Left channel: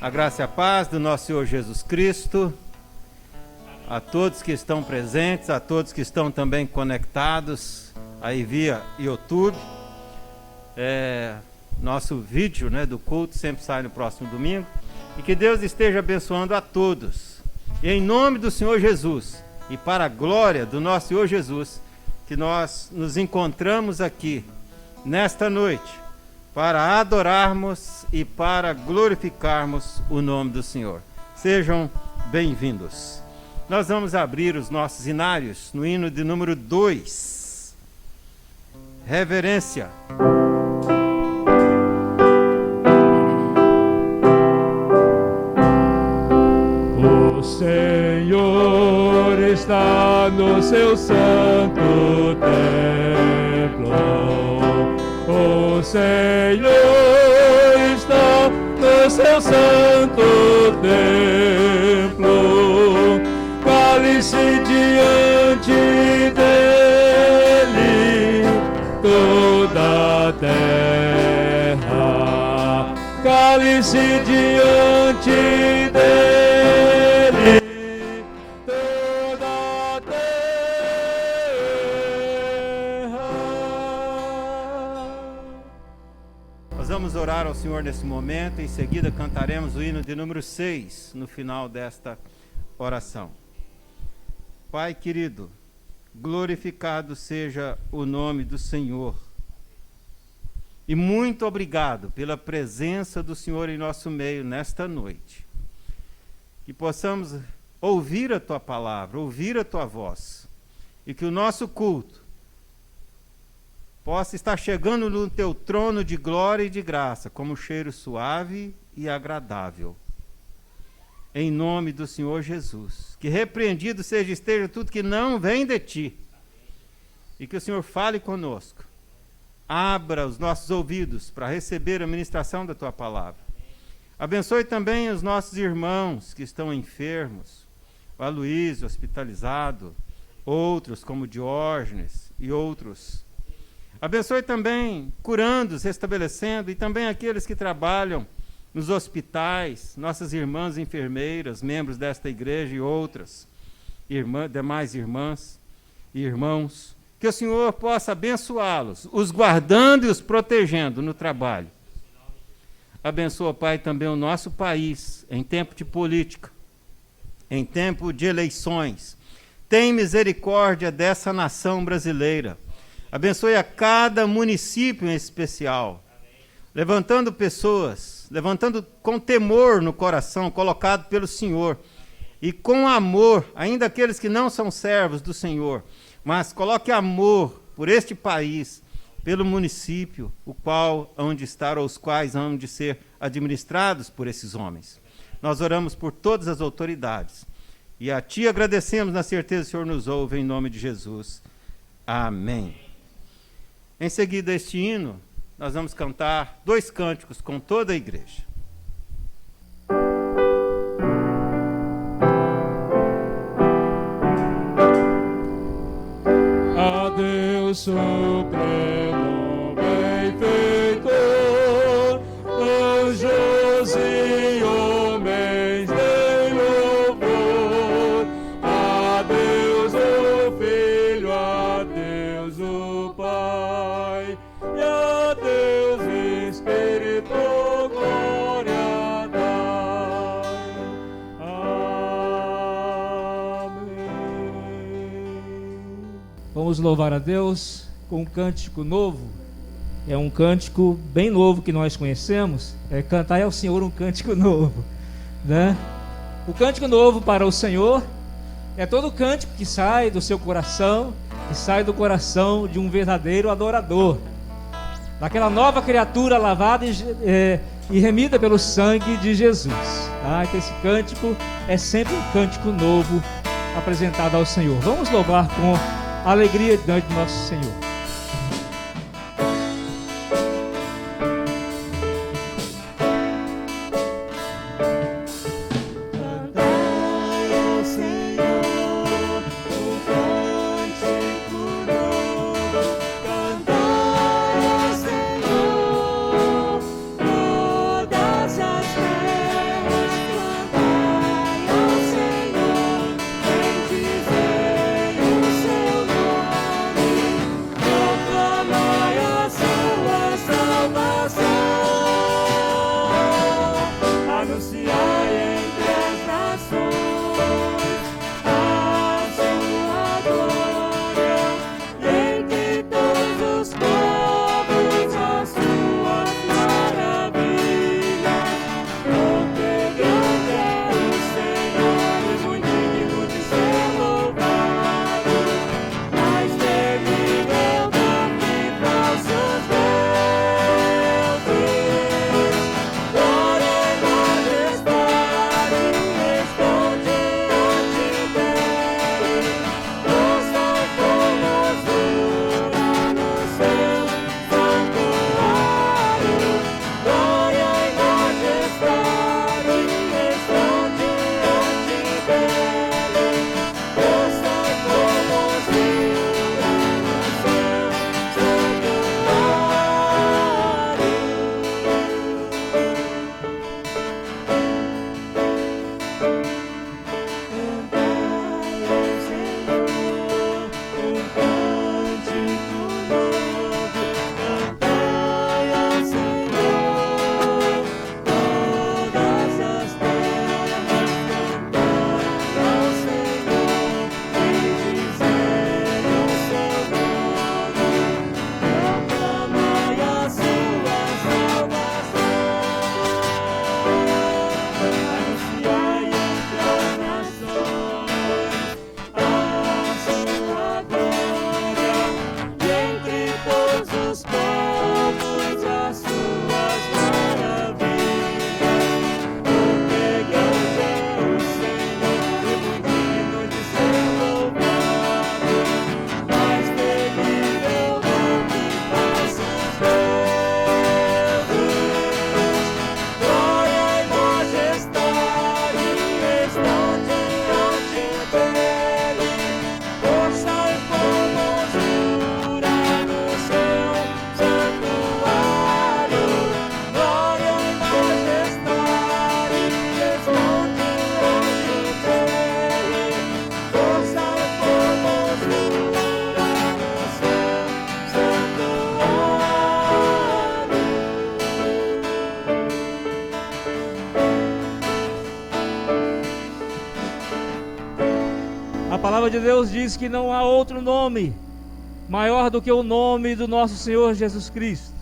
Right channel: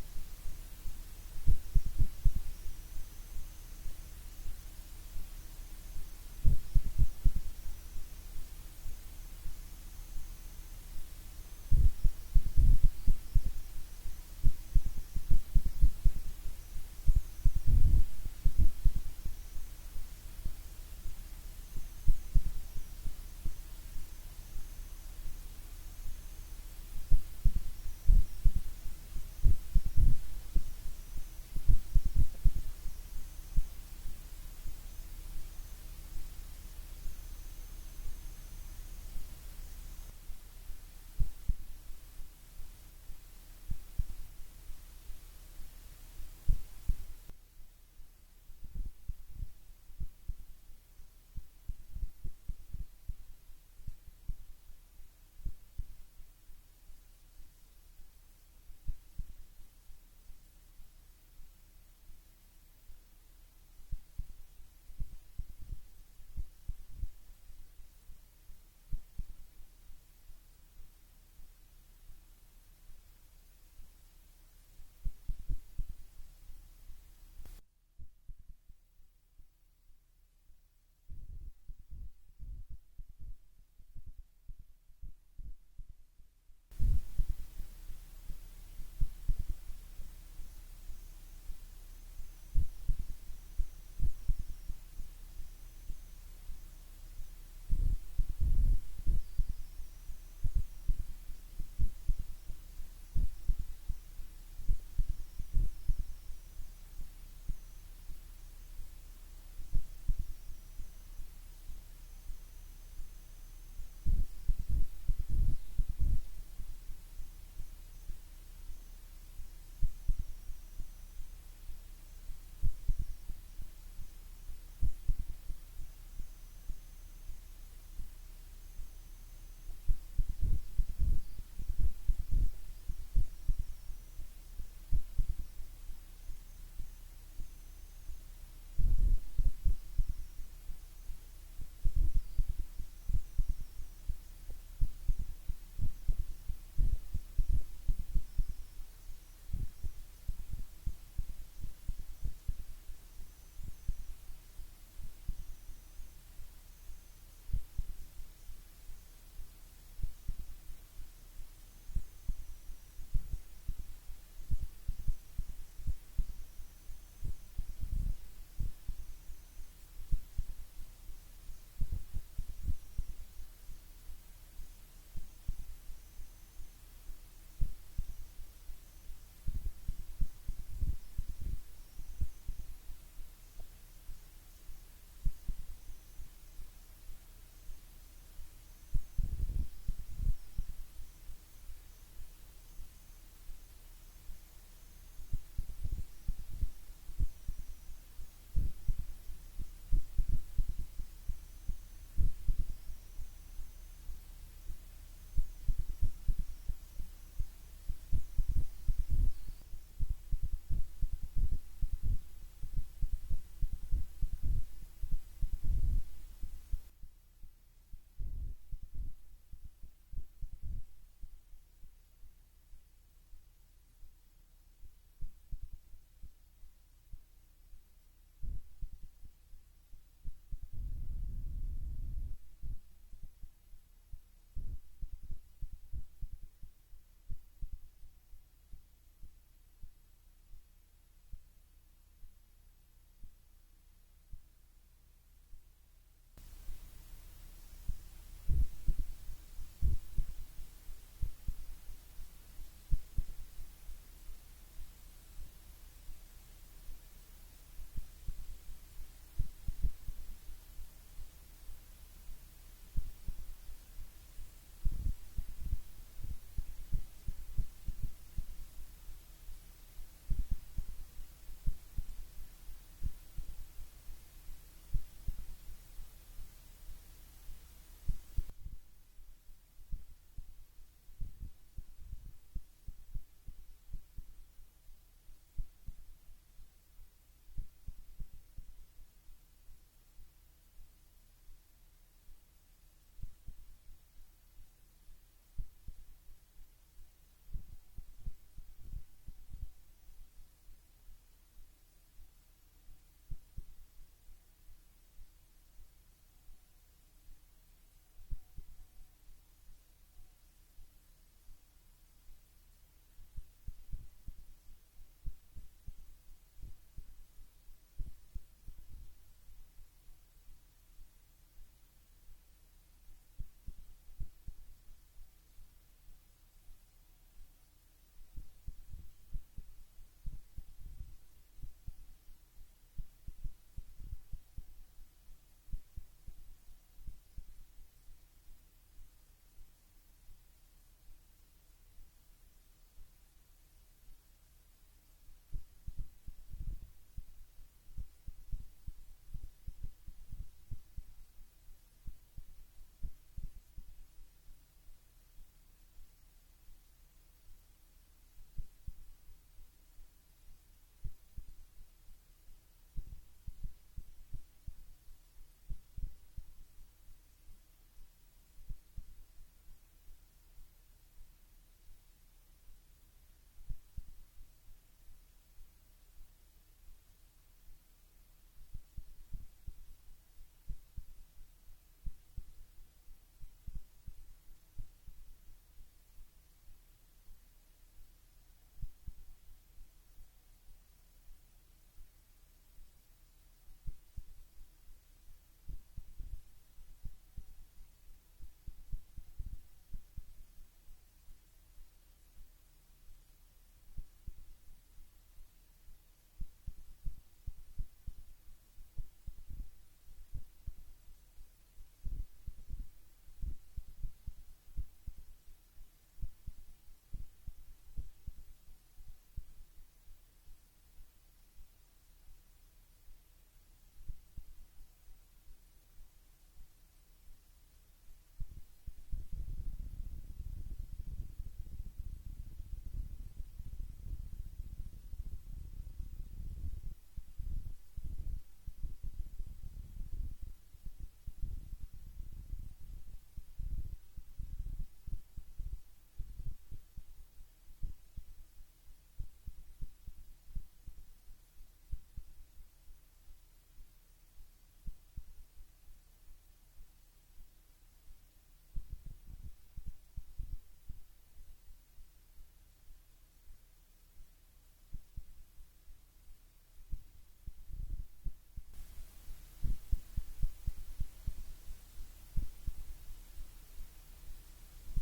A graça e a paz do nosso Senhor Jesus Cristo, a todos que estão presentes, a todos que estão também conectados aí via YouTube. Nosso vídeo, do culto sempre sai no próximo domingo. E que Deus esteja abençoando a todos. E em nome do Senhor Jesus e para a glória do nosso Senhor Jesus, que nós nos encontramos aqui nesta noite para adorarmos e para glorificarmos o nome do Senhor. Sejam bem-vindos. Nós vamos abrir os nossos hinários no hino de número 2. Reverência. O Senhor está no seu santo templo. O Senhor está no seu santo templo. Cale-se diante dele toda a terra. Cale-se diante dele toda a terra. Nós vamos orar ao Senhor nesse momento. Em seguida cantaremos o hino de número 6 no final desta oração. Pai querido, glorificado seja o nome do Senhor. E muito obrigado pela presença do Senhor em nosso meio nesta noite. Que possamos ouvir a Tua palavra, ouvir a Tua voz. E que o nosso culto possa estar chegando no Teu trono de glória e de graça, como um cheiro suave e agradável. Em nome do Senhor Jesus. Que repreendido esteja tudo que não vem de Ti. E que o Senhor fale conosco. Abra os nossos ouvidos para receber a ministração da Tua palavra. Abençoe também os nossos irmãos que estão enfermos. O Aloysio, hospitalizado. Outros como Diógenes e outros. Abençoe também curando-os, restabelecendo. E também aqueles que trabalham nos hospitais, nossas irmãs enfermeiras, membros desta igreja e outras, demais irmãs e irmãos, que o Senhor possa abençoá-los, os guardando e os protegendo no trabalho. Abençoa, Pai, também o nosso país, em tempo de política, em tempo de eleições. Tem misericórdia dessa nação brasileira. Abençoe a cada município em especial, levantando pessoas, levantando com temor no coração, colocado pelo Senhor, e com amor, ainda aqueles que não são servos do Senhor, mas coloque amor por este país, pelo município, o qual hão de estar, ou os quais hão de ser administrados por esses homens. Nós oramos por todas as autoridades, e a Ti agradecemos na certeza que o Senhor nos ouve, em nome de Jesus. Amém. Em seguida, este hino, nós vamos cantar 2 cânticos com toda a igreja. A Deus supremo benfeitor, anjos e homens de louvor. A Deus o Filho, a Deus o Pai, e a Deus Espírito glória dai. Amém. Vamos louvar a Deus com um cântico novo. É um cântico bem novo que nós conhecemos. Cantar ao Senhor um cântico novo, né? O cântico novo para o Senhor é todo cântico que sai do seu coração, que sai do coração de um verdadeiro adorador, daquela nova criatura lavada e remida pelo sangue de Jesus. Então esse cântico é sempre um cântico novo apresentado ao Senhor. Vamos louvar com alegria diante do nosso Senhor. Cantai ao Senhor, todas as terras. A palavra de Deus diz que não há outro nome maior do que o nome do nosso Senhor Jesus Cristo.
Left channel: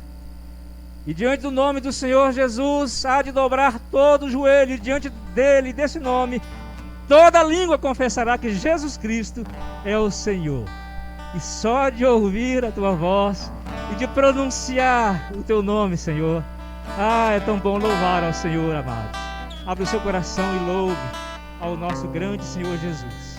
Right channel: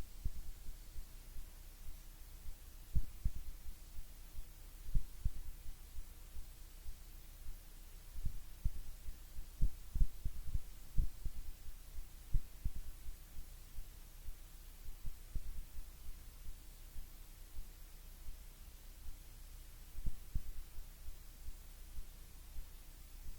E diante do nome do Senhor Jesus, há de dobrar todo o joelho, e diante dele, desse nome, toda língua confessará que Jesus Cristo é o Senhor. E só de ouvir a tua voz e de pronunciar o teu nome, Senhor, é tão bom louvar ao Senhor, amados. Abre o seu coração e louve ao nosso grande Senhor Jesus.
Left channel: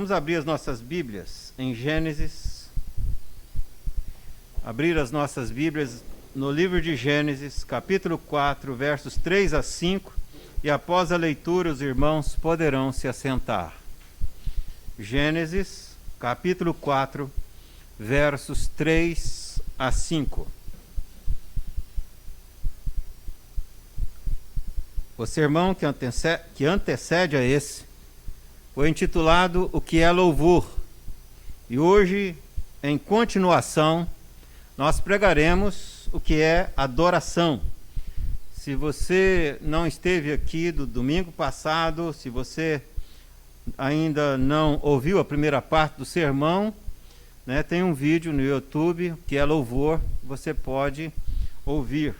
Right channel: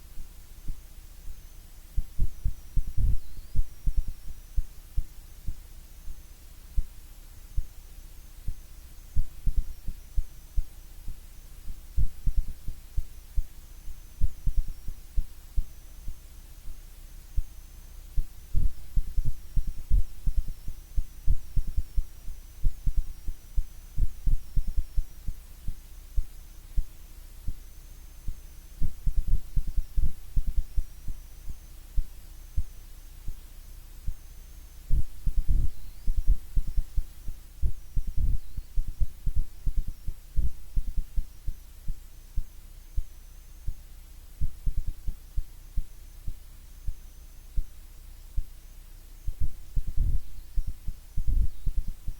Vamos abrir as nossas Bíblias em Gênesis. Abrir as nossas Bíblias no livro de Gênesis, capítulo 4, versos 3 a 5. E após a leitura, os irmãos poderão se assentar. Gênesis, capítulo 4, versos 3 a 5. O sermão que antecede a esse foi intitulado O que é louvor? E hoje, em continuação, nós pregaremos o que é adoração. Se você não esteve aqui do domingo passado, se você ainda não ouviu a primeira parte do sermão, né, tem um vídeo no YouTube que é louvor, você pode ouvir.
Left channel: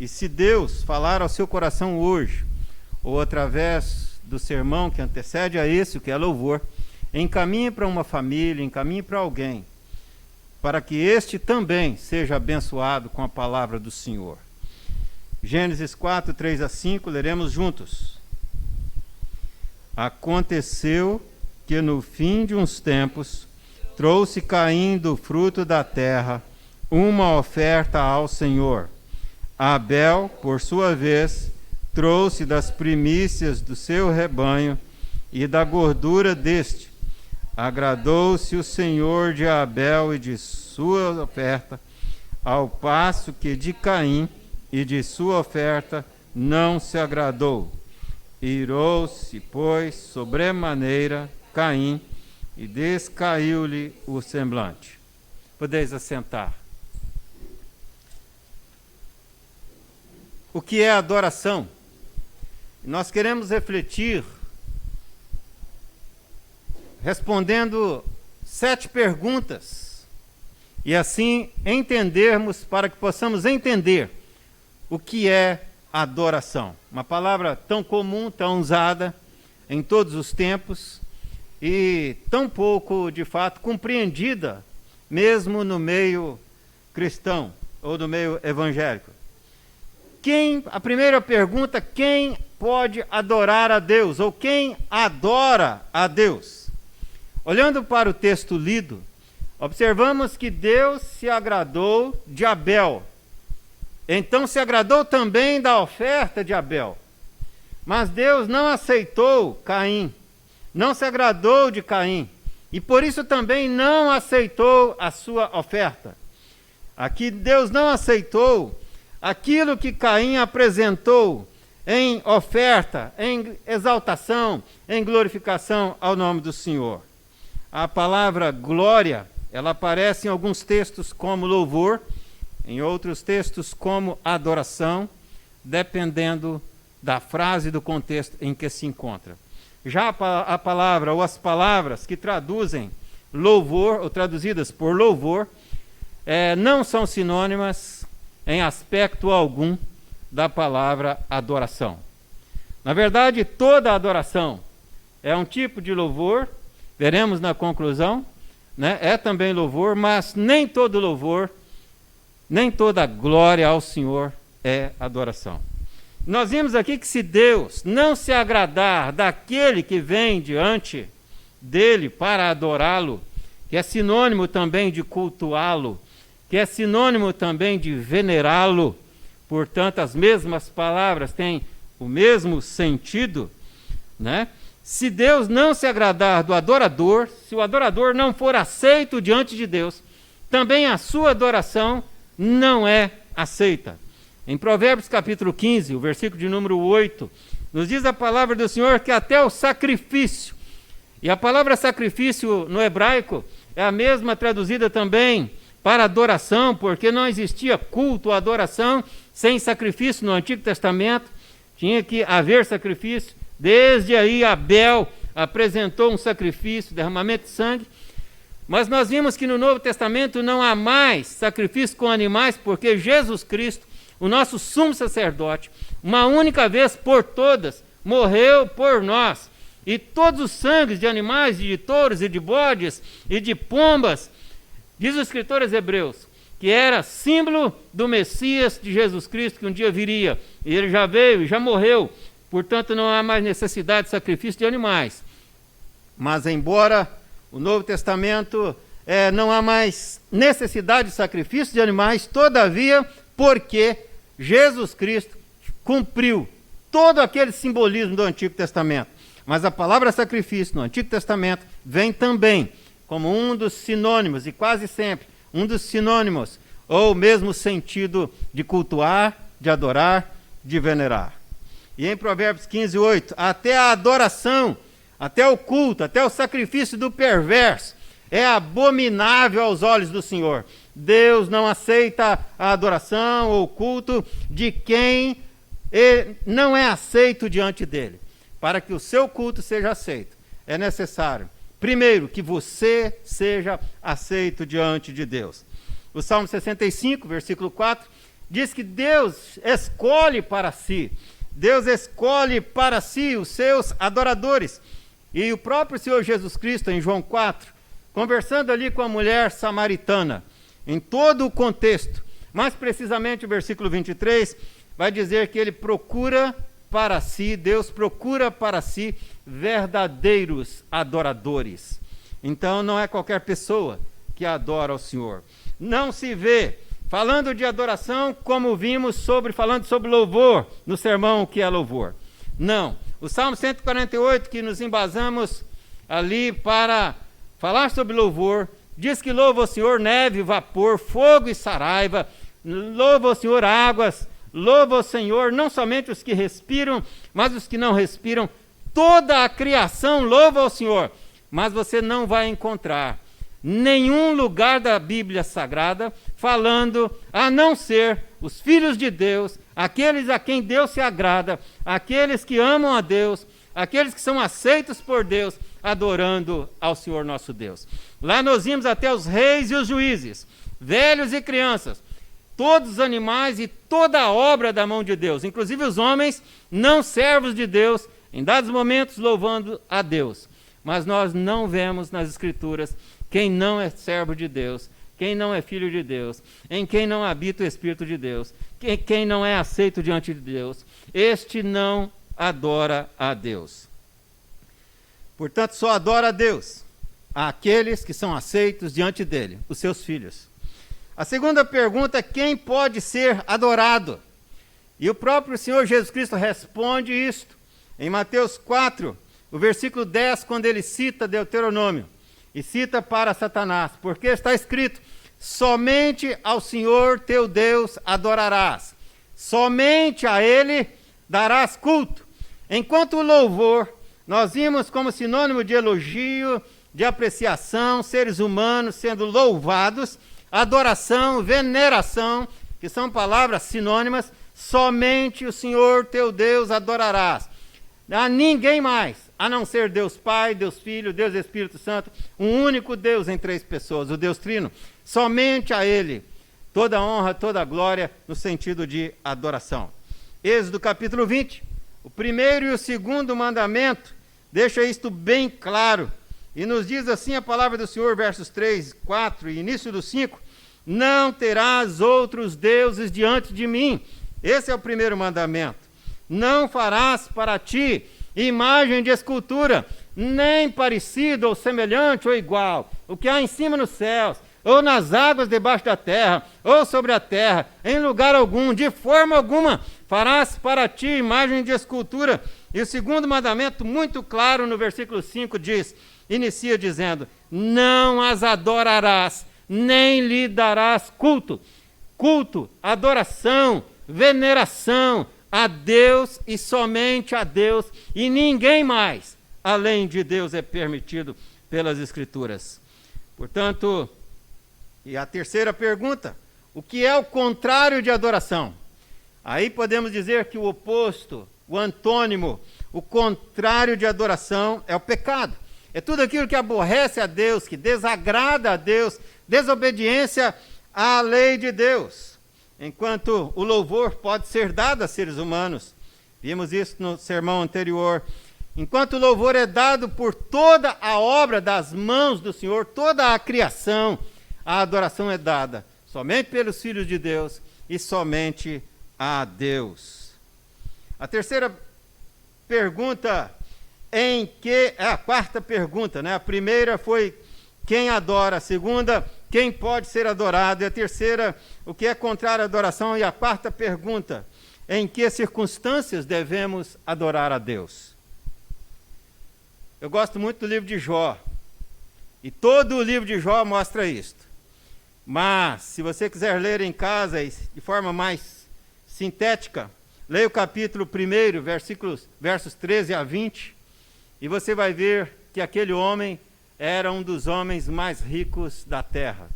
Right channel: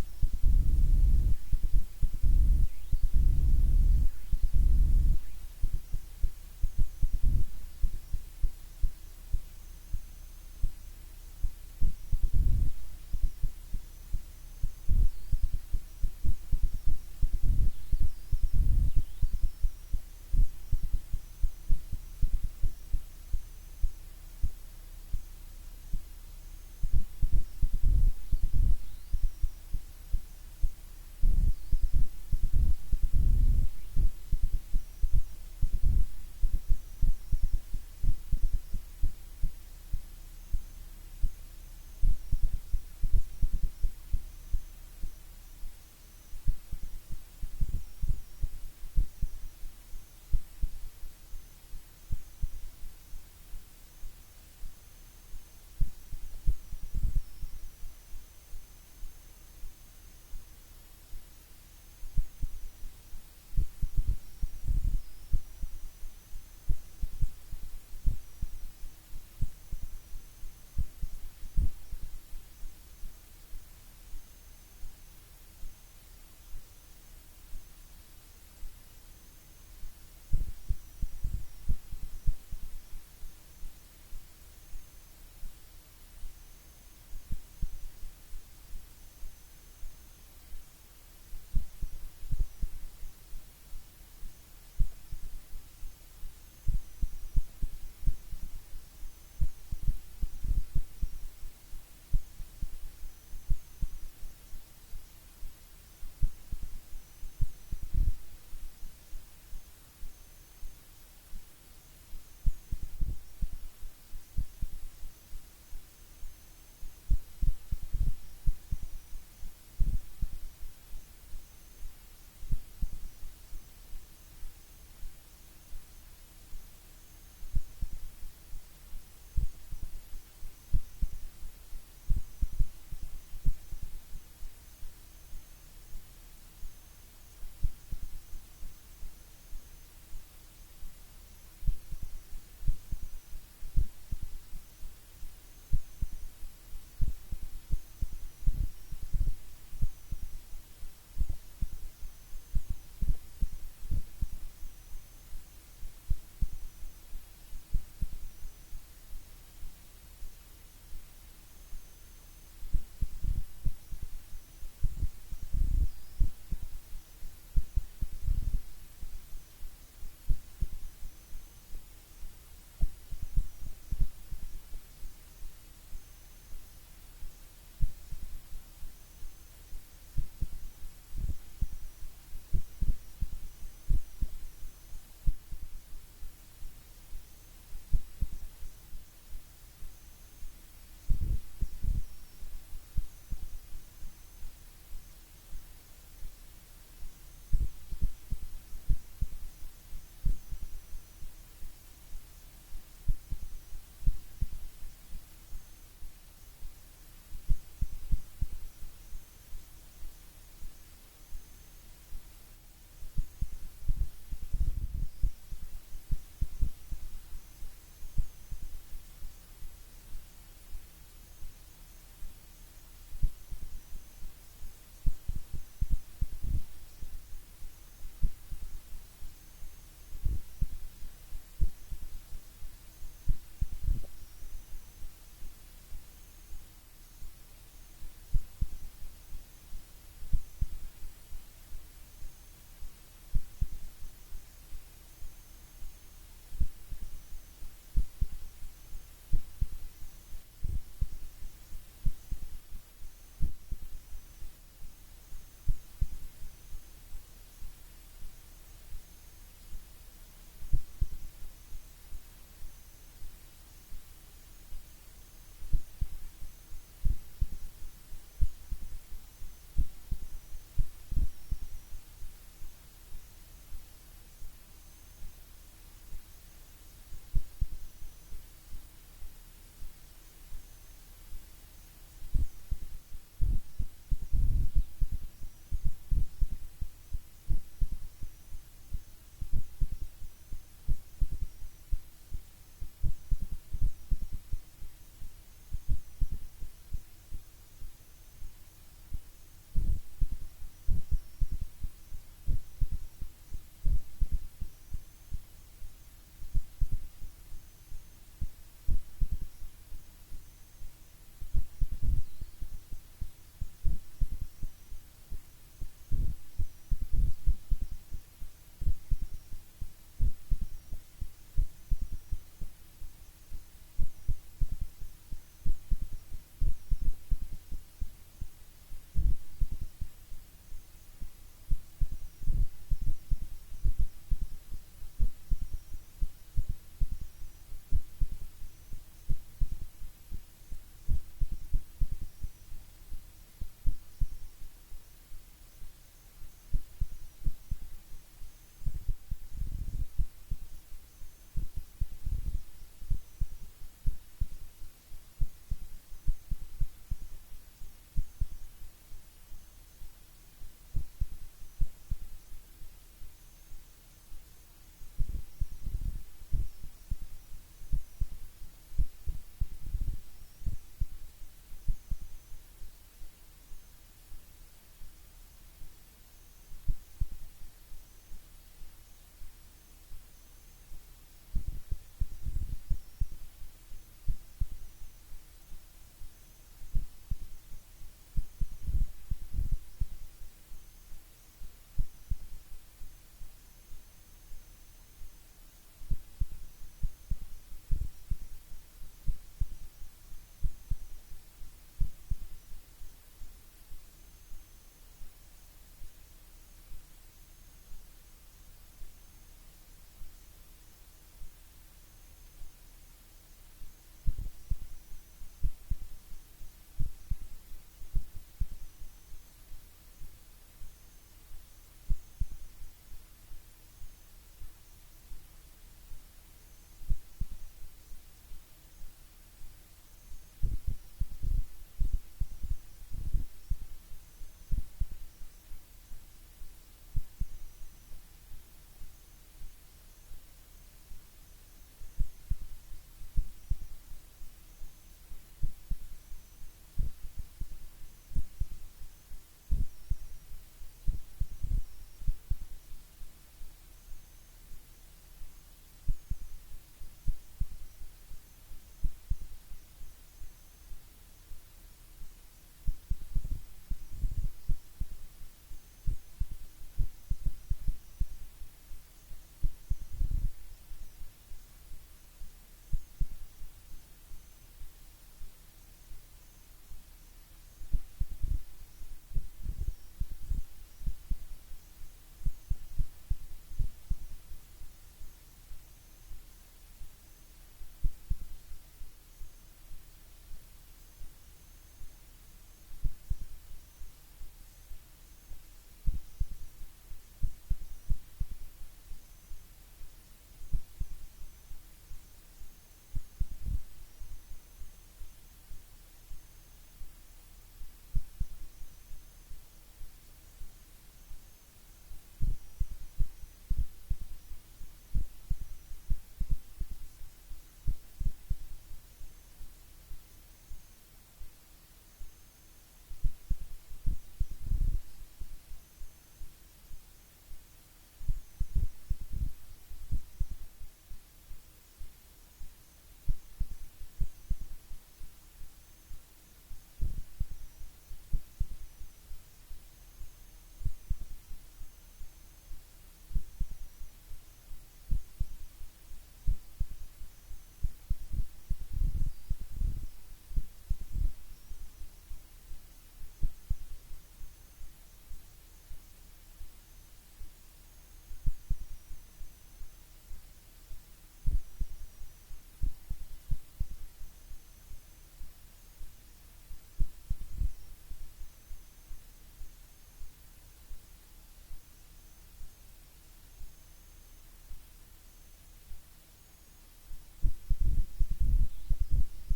E se Deus falar ao seu coração hoje, ou através do sermão que antecede a esse, o que é louvor, encaminhe para uma família, encaminhe para alguém, para que este também seja abençoado com a palavra do Senhor. Gênesis 4, 3 a 5, leremos juntos. Aconteceu que no fim de uns tempos, trouxe Caim do fruto da terra uma oferta ao Senhor. Abel, por sua vez, trouxe das primícias do seu rebanho e da gordura deste. Agradou-se o Senhor de Abel e de sua oferta, ao passo que de Caim e de sua oferta não se agradou. Irou-se, pois, sobremaneira Caim, e descaiu-lhe o semblante. Podeis assentar. O que é adoração? Nós queremos refletir respondendo 7 perguntas e assim entendermos, para que possamos entender o que é adoração. Uma palavra tão comum, tão usada em todos os tempos e tão pouco, de fato, compreendida mesmo no meio cristão ou no meio evangélico. A primeira pergunta, quem pode adorar a Deus? Ou quem adora a Deus? Olhando para o texto lido, observamos que Deus se agradou de Abel. Então se agradou também da oferta de Abel. Mas Deus não aceitou Caim. Não se agradou de Caim. E por isso também não aceitou a sua oferta. Aqui Deus não aceitou aquilo que Caim apresentou em oferta, em exaltação, em glorificação ao nome do Senhor. A palavra glória, ela aparece em alguns textos como louvor, em outros textos como adoração, dependendo da frase e do contexto em que se encontra. Já a palavra ou as palavras que traduzem louvor, ou traduzidas por louvor, não são sinônimas em aspecto algum da palavra adoração. Na verdade, toda adoração é um tipo de louvor, veremos na conclusão, né? É também louvor, mas nem todo louvor, nem toda glória ao Senhor é adoração. Nós vimos aqui que se Deus não se agradar daquele que vem diante dele para adorá-lo, que é sinônimo também de cultuá-lo, que é sinônimo também de venerá-lo, portanto as mesmas palavras têm o mesmo sentido, né? Se Deus não se agradar do adorador, se o adorador não for aceito diante de Deus, também a sua adoração não é aceita. Em Provérbios capítulo 15, o versículo de número 8, nos diz a palavra do Senhor que até o sacrifício, e a palavra sacrifício no hebraico é a mesma traduzida também para adoração, porque não existia culto ou adoração sem sacrifício no Antigo Testamento, tinha que haver sacrifício. Desde aí Abel apresentou um sacrifício, derramamento de sangue, mas nós vimos que no Novo Testamento não há mais sacrifício com animais, porque Jesus Cristo, o nosso sumo sacerdote, uma única vez por todas, morreu por nós. E todos os sangues de animais, de touros e de bodes e de pombas, diz o escritor aos Hebreus, que era símbolo do Messias de Jesus Cristo, que um dia viria. E ele já veio e já morreu. Portanto, não há mais necessidade de sacrifício de animais. Mas, embora o Novo Testamento não há mais necessidade de sacrifício de animais, todavia, porque Jesus Cristo cumpriu todo aquele simbolismo do Antigo Testamento. Mas a palavra sacrifício no Antigo Testamento vem também como um dos sinônimos, e quase sempre um dos sinônimos, ou mesmo sentido de cultuar, de adorar, de venerar. E em Provérbios 15, 8, até a adoração, até o culto, até o sacrifício do perverso é abominável aos olhos do Senhor. Deus não aceita a adoração ou culto de quem não é aceito diante dele. Para que o seu culto seja aceito, é necessário, primeiro, que você seja aceito diante de Deus. O Salmo 65, versículo 4, diz que Deus escolhe para si os seus adoradores. E o próprio Senhor Jesus Cristo, em João 4, conversando ali com a mulher samaritana, em todo o contexto, mais precisamente o versículo 23, vai dizer que ele procura para si, Deus procura para si verdadeiros adoradores. Então não é qualquer pessoa que adora ao Senhor. Não se vê falando de adoração como vimos falando sobre louvor no sermão que é louvor. Não. O Salmo 148, que nos embasamos ali para falar sobre louvor, diz que louva o Senhor neve, vapor, fogo e saraiva, louva o Senhor águas, louva o Senhor não somente os que respiram, mas os que não respiram. Toda a criação louva ao Senhor, mas você não vai encontrar nenhum lugar da Bíblia Sagrada falando, a não ser os filhos de Deus, aqueles a quem Deus se agrada, aqueles que amam a Deus, aqueles que são aceitos por Deus, adorando ao Senhor nosso Deus. Lá nós vimos até os reis e os juízes, velhos e crianças, todos os animais e toda a obra da mão de Deus, inclusive os homens não servos de Deus, em dados momentos louvando a Deus. Mas nós não vemos nas Escrituras quem não é servo de Deus, quem não é filho de Deus, em quem não habita o Espírito de Deus, quem não é aceito diante de Deus, este não adora a Deus. Portanto, só adora a Deus aqueles que são aceitos diante dele, os seus filhos. A segunda pergunta é: quem pode ser adorado? E o próprio Senhor Jesus Cristo responde isto em Mateus 4, o versículo 10, quando ele cita Deuteronômio, e cita para Satanás, porque está escrito: somente ao Senhor teu Deus adorarás, somente a ele darás culto. Enquanto o louvor, nós vimos como sinônimo de elogio, de apreciação, seres humanos sendo louvados, adoração, veneração, que são palavras sinônimas, somente o Senhor teu Deus adorarás. A ninguém mais, a não ser Deus Pai, Deus Filho, Deus Espírito Santo, um único Deus em três pessoas, o Deus Trino, somente a Ele, toda honra, toda glória, no sentido de adoração. Êxodo capítulo 20, o primeiro e o segundo mandamento, deixa isto bem claro, e nos diz assim a palavra do Senhor, versos 3, 4 e início do 5, não terás outros deuses diante de mim. Esse é o primeiro mandamento. Não farás para ti imagem de escultura, nem parecido ou semelhante ou igual, o que há em cima nos céus, ou nas águas debaixo da terra, ou sobre a terra, em lugar algum, de forma alguma, farás para ti imagem de escultura. E o segundo mandamento, muito claro no versículo 5, inicia dizendo: não as adorarás, nem lhe darás culto. Culto, adoração, veneração a Deus e somente a Deus, e ninguém mais além de Deus é permitido pelas Escrituras. Portanto, e a terceira pergunta: o que é o contrário de adoração? Aí podemos dizer que o oposto, o antônimo, o contrário de adoração é o pecado. É tudo aquilo que aborrece a Deus, que desagrada a Deus, desobediência à lei de Deus. Enquanto o louvor pode ser dado a seres humanos, vimos isso no sermão anterior. Enquanto o louvor é dado por toda a obra das mãos do Senhor, toda a criação, a adoração é dada somente pelos filhos de Deus e somente a Deus. A terceira pergunta, a quarta pergunta, né? A primeira foi quem adora, a segunda, quem pode ser adorado, e a terceira, o que é contrário à adoração, e a quarta pergunta, em que circunstâncias devemos adorar a Deus? Eu gosto muito do livro de Jó, e todo o livro de Jó mostra isto. Mas, se você quiser ler em casa de forma mais sintética, leia o capítulo 1, versos 13 a 20, e você vai ver que aquele homem era um dos homens mais ricos da terra.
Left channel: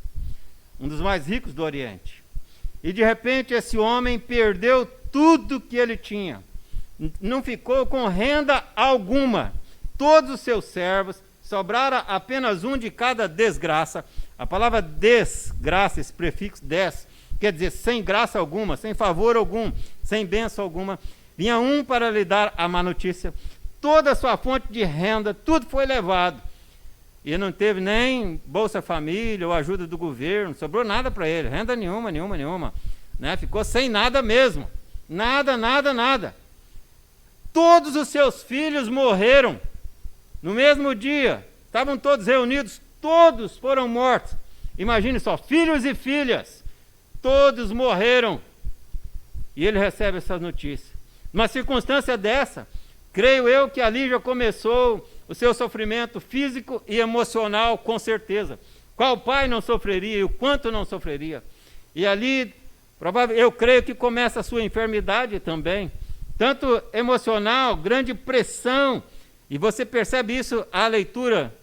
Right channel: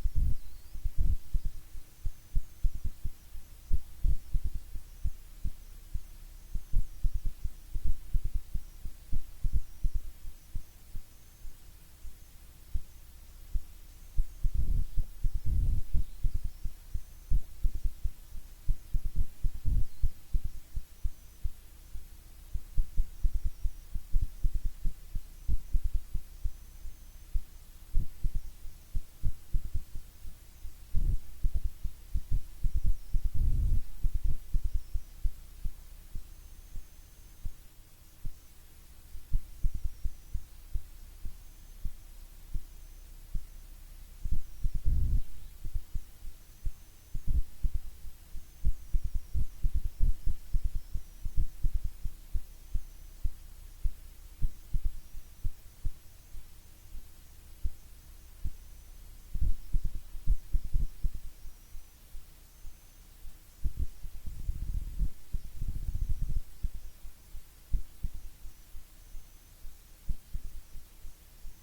um dos mais ricos do Oriente. E de repente esse homem perdeu tudo que ele tinha. Não ficou com renda alguma. Todos os seus servos, sobrara apenas um de cada desgraça. A palavra desgraça, esse prefixo des, quer dizer sem graça alguma, sem favor algum, sem bênção alguma. Vinha um para lhe dar a má notícia. Toda a sua fonte de renda, tudo foi levado. E não teve nem Bolsa Família ou ajuda do governo, não sobrou nada para ele, renda nenhuma. Né? Ficou sem nada mesmo. Nada. Todos os seus filhos morreram no mesmo dia. Estavam todos reunidos, todos foram mortos. Imagine só, filhos e filhas, todos morreram. E ele recebe essas notícias. Numa circunstância dessa, creio eu que ali já começou o seu sofrimento físico e emocional, com certeza. Qual pai não sofreria e o quanto não sofreria? E ali, eu creio que começa a sua enfermidade também, tanto emocional, grande pressão, e você percebe isso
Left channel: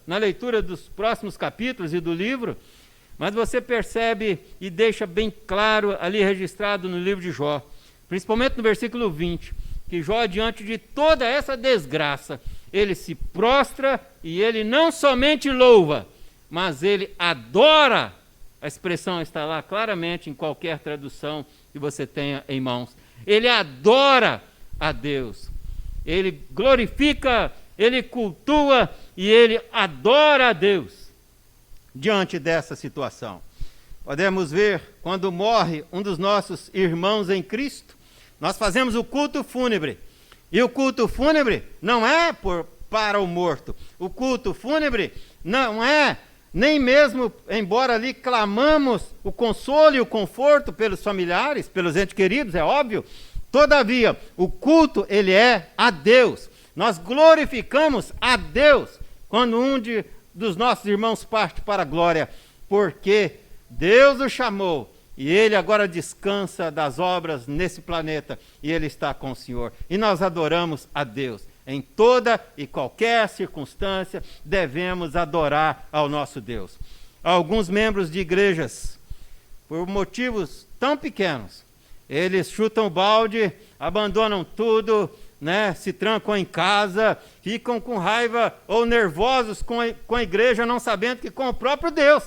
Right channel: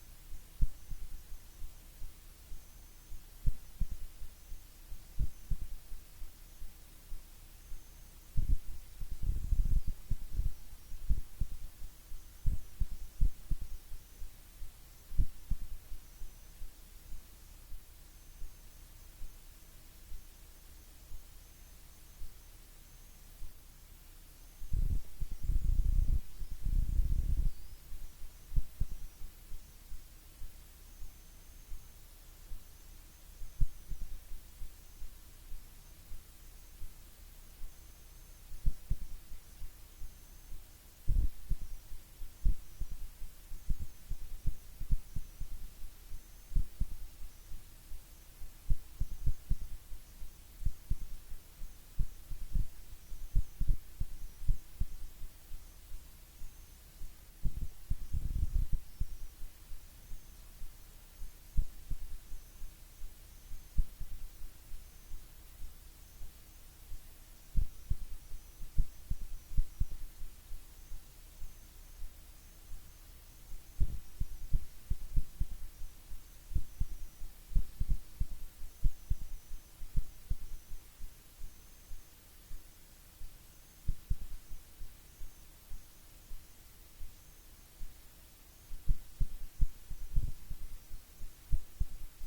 na leitura dos próximos capítulos e do livro, mas você percebe e deixa bem claro ali registrado no livro de Jó, principalmente no versículo 20, que Jó, diante de toda essa desgraça, ele se prostra e ele não somente louva, mas ele adora. A expressão está lá claramente em qualquer tradução que você tenha em mãos. Ele adora a Deus, ele glorifica, ele cultua e ele adora a Deus. Diante dessa situação, podemos ver quando morre um dos nossos irmãos em Cristo, nós fazemos o culto fúnebre. E o culto fúnebre não é para o morto. O culto fúnebre não é nem mesmo, embora ali clamamos o consolo e o conforto pelos familiares, pelos entes queridos, é óbvio. Todavia, o culto, ele é a Deus. Nós glorificamos a Deus quando dos nossos irmãos parte para a glória, porque Deus o chamou e ele agora descansa das obras nesse planeta e ele está com o Senhor. E nós adoramos a Deus. Em toda e qualquer circunstância, devemos adorar ao nosso Deus. Alguns membros de igrejas, por motivos tão pequenos, eles chutam o balde, abandonam tudo, né, se trancam em casa, ficam com raiva ou nervosos com a igreja, não sabendo que com o próprio Deus,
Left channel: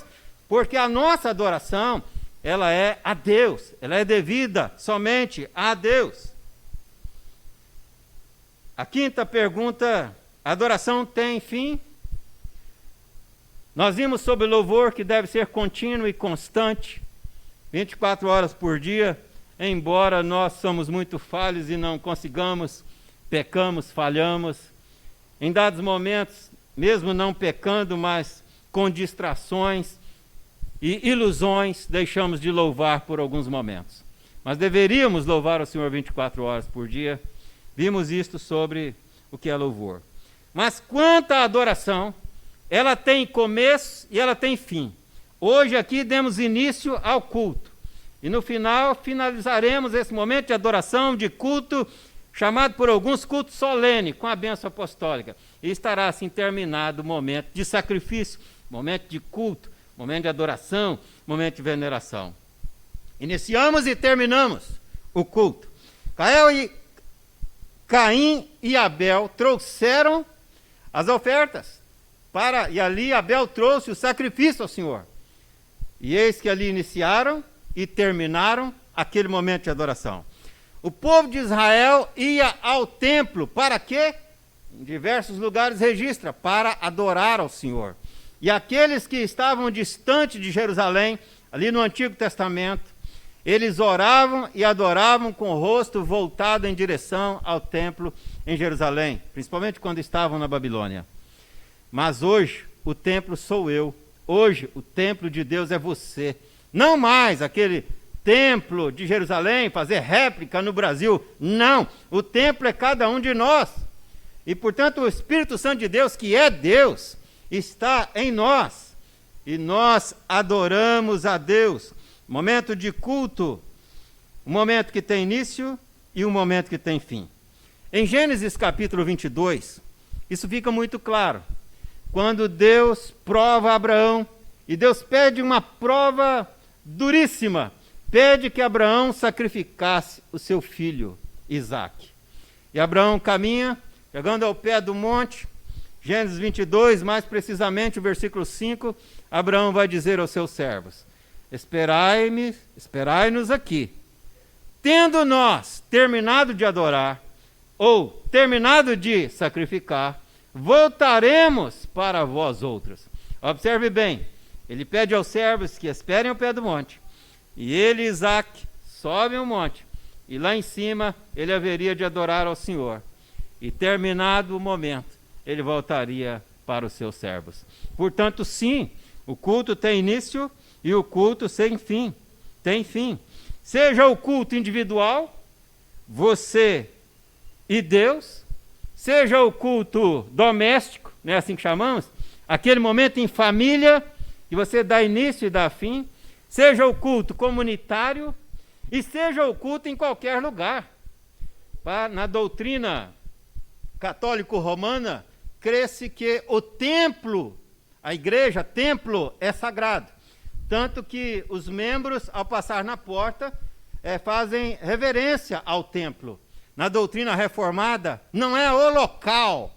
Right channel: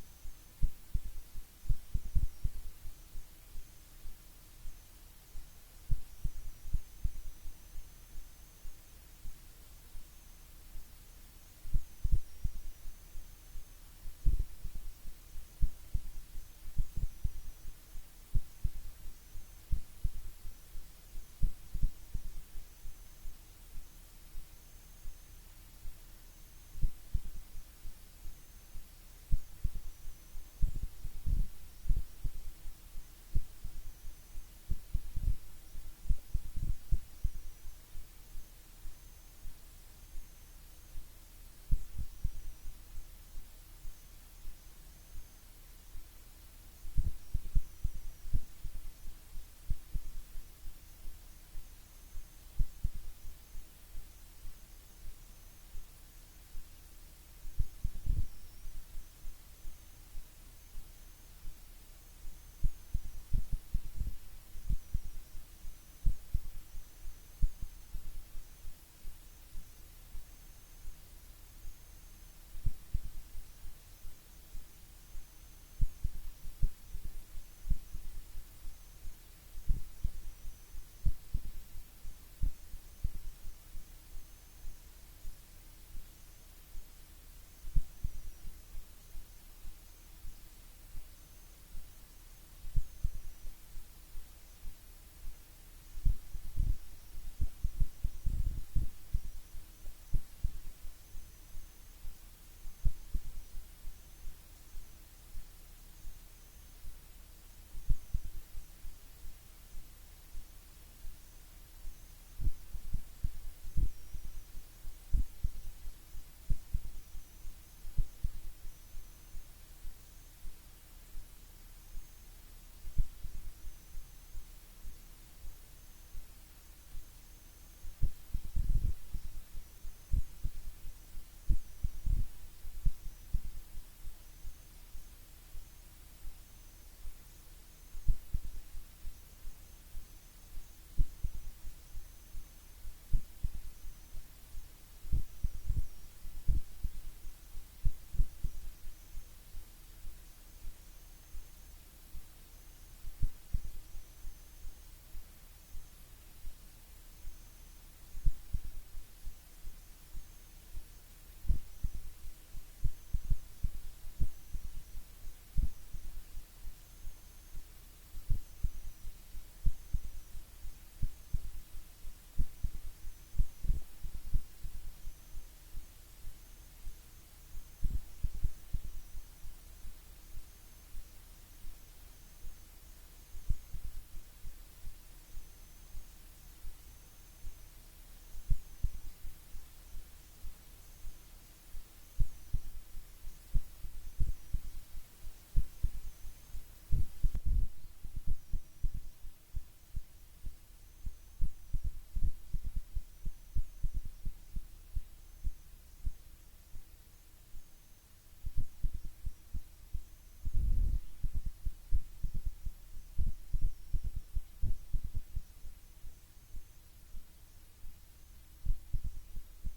porque a nossa adoração, ela é a Deus, ela é devida somente a Deus. A quinta pergunta, a adoração tem fim? Nós vimos sobre o louvor que deve ser contínuo e constante, 24 horas por dia, embora nós somos muito falhos e não consigamos, pecamos, falhamos, em dados momentos, mesmo não pecando, mas com distrações e ilusões, deixamos de louvar por alguns momentos. Mas deveríamos louvar o Senhor 24 horas por dia. Vimos isto sobre o que é louvor. Mas quanto à adoração, ela tem começo e ela tem fim. Hoje aqui demos início ao culto. E no final, finalizaremos esse momento de adoração, de culto, chamado por alguns culto solene, com a bênção apostólica. E estará assim terminado o momento de sacrifício, momento de culto, momento de adoração, momento de veneração. Iniciamos e terminamos o culto. Caim e Abel trouxeram as ofertas, e ali Abel trouxe o sacrifício ao Senhor. E eis que ali iniciaram e terminaram aquele momento de adoração. O povo de Israel ia ao templo, para quê? Em diversos lugares registra, para adorar ao Senhor. E aqueles que estavam distante de Jerusalém, ali no Antigo Testamento, eles oravam e adoravam com o rosto voltado em direção ao templo em Jerusalém, principalmente quando estavam na Babilônia. Mas hoje, o templo sou eu. Hoje, o templo de Deus é você. Não mais aquele templo de Jerusalém, fazer réplica no Brasil. Não, o templo é cada um de nós. E, portanto, o Espírito Santo de Deus, que é Deus, está em nós. E nós adoramos a Deus. Momento de culto, um momento que tem início e um momento que tem fim. Em Gênesis capítulo 22, isso fica muito claro. Quando Deus prova Abraão, e Deus pede uma prova duríssima, pede que Abraão sacrificasse o seu filho, Isaque. E Abraão caminha, chegando ao pé do monte, Gênesis 22, mais precisamente o versículo 5, Abraão vai dizer aos seus servos: esperai-nos aqui. Tendo nós terminado de adorar, ou terminado de sacrificar, voltaremos para vós outros. Observe bem, ele pede aos servos que esperem ao pé do monte, e ele, Isaque, sobem o monte, e lá em cima ele haveria de adorar ao Senhor, e terminado o momento, ele voltaria para os seus servos. Portanto, sim, o culto tem início e o culto sem fim, tem fim. Seja o culto individual, você e Deus, seja o culto doméstico, não é assim que chamamos? Aquele momento em família, que você dá início e dá fim, seja o culto comunitário e seja o culto em qualquer lugar. Na doutrina católico-romana, crê-se que o templo, a igreja, templo, é sagrado. Tanto que os membros, ao passar na porta, fazem reverência ao templo. Na doutrina reformada, não é o local,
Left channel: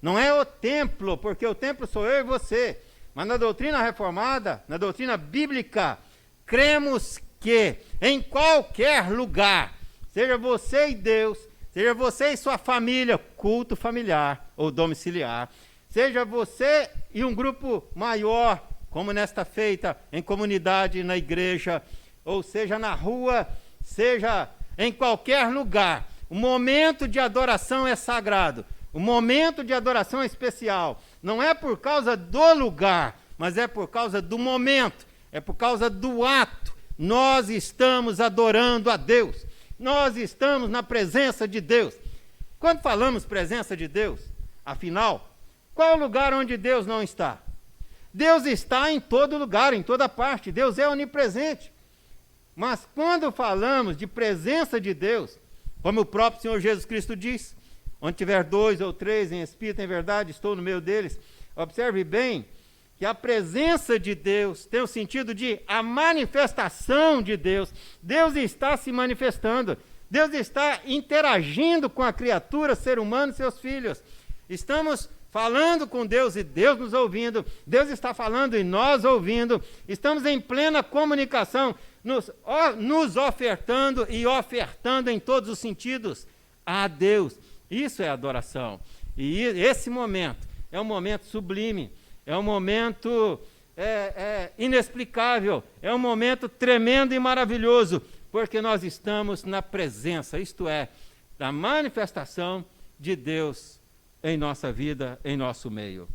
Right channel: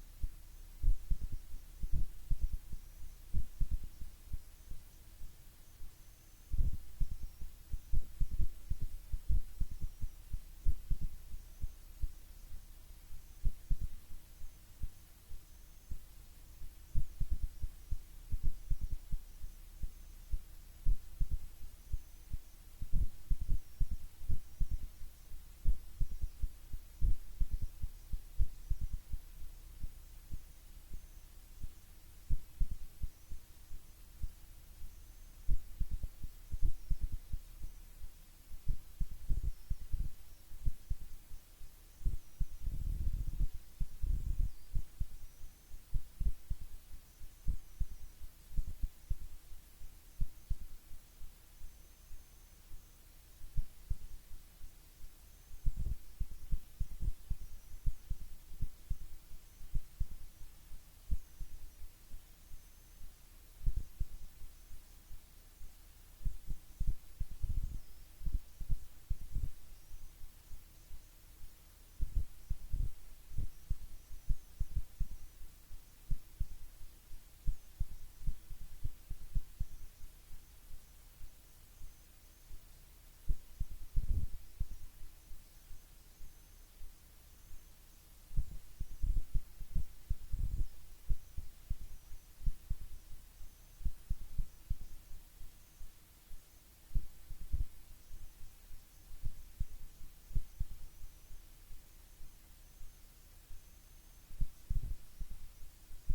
não é o templo, porque o templo sou eu e você. Mas na doutrina reformada, na doutrina bíblica, cremos que em qualquer lugar, seja você e Deus, seja você e sua família, culto familiar ou domiciliar, seja você e um grupo maior, como nesta feita, em comunidade, na igreja, ou seja na rua, seja em qualquer lugar, o momento de adoração é sagrado, o momento de adoração é especial, não é por causa do lugar, mas é por causa do momento, é por causa do ato. Nós estamos adorando a Deus, nós estamos na presença de Deus. Quando falamos presença de Deus, afinal, qual é o lugar onde Deus não está? Deus está em todo lugar, em toda parte, Deus é onipresente. Mas quando falamos de presença de Deus, como o próprio Senhor Jesus Cristo diz, onde tiver 2 ou 3 em espírito, em verdade, estou no meio deles. Observe bem que a presença de Deus tem o sentido de a manifestação de Deus. Deus está se manifestando, Deus está interagindo com a criatura, ser humano e seus filhos. Estamos falando com Deus e Deus nos ouvindo, Deus está falando e nós ouvindo, estamos em plena comunicação, nos ofertando e ofertando em todos os sentidos a Deus. Isso é adoração. E esse momento é um momento sublime, é um momento inexplicável, é um momento tremendo e maravilhoso, porque nós estamos na presença, isto é, da manifestação de Deus em nossa vida, em nosso meio.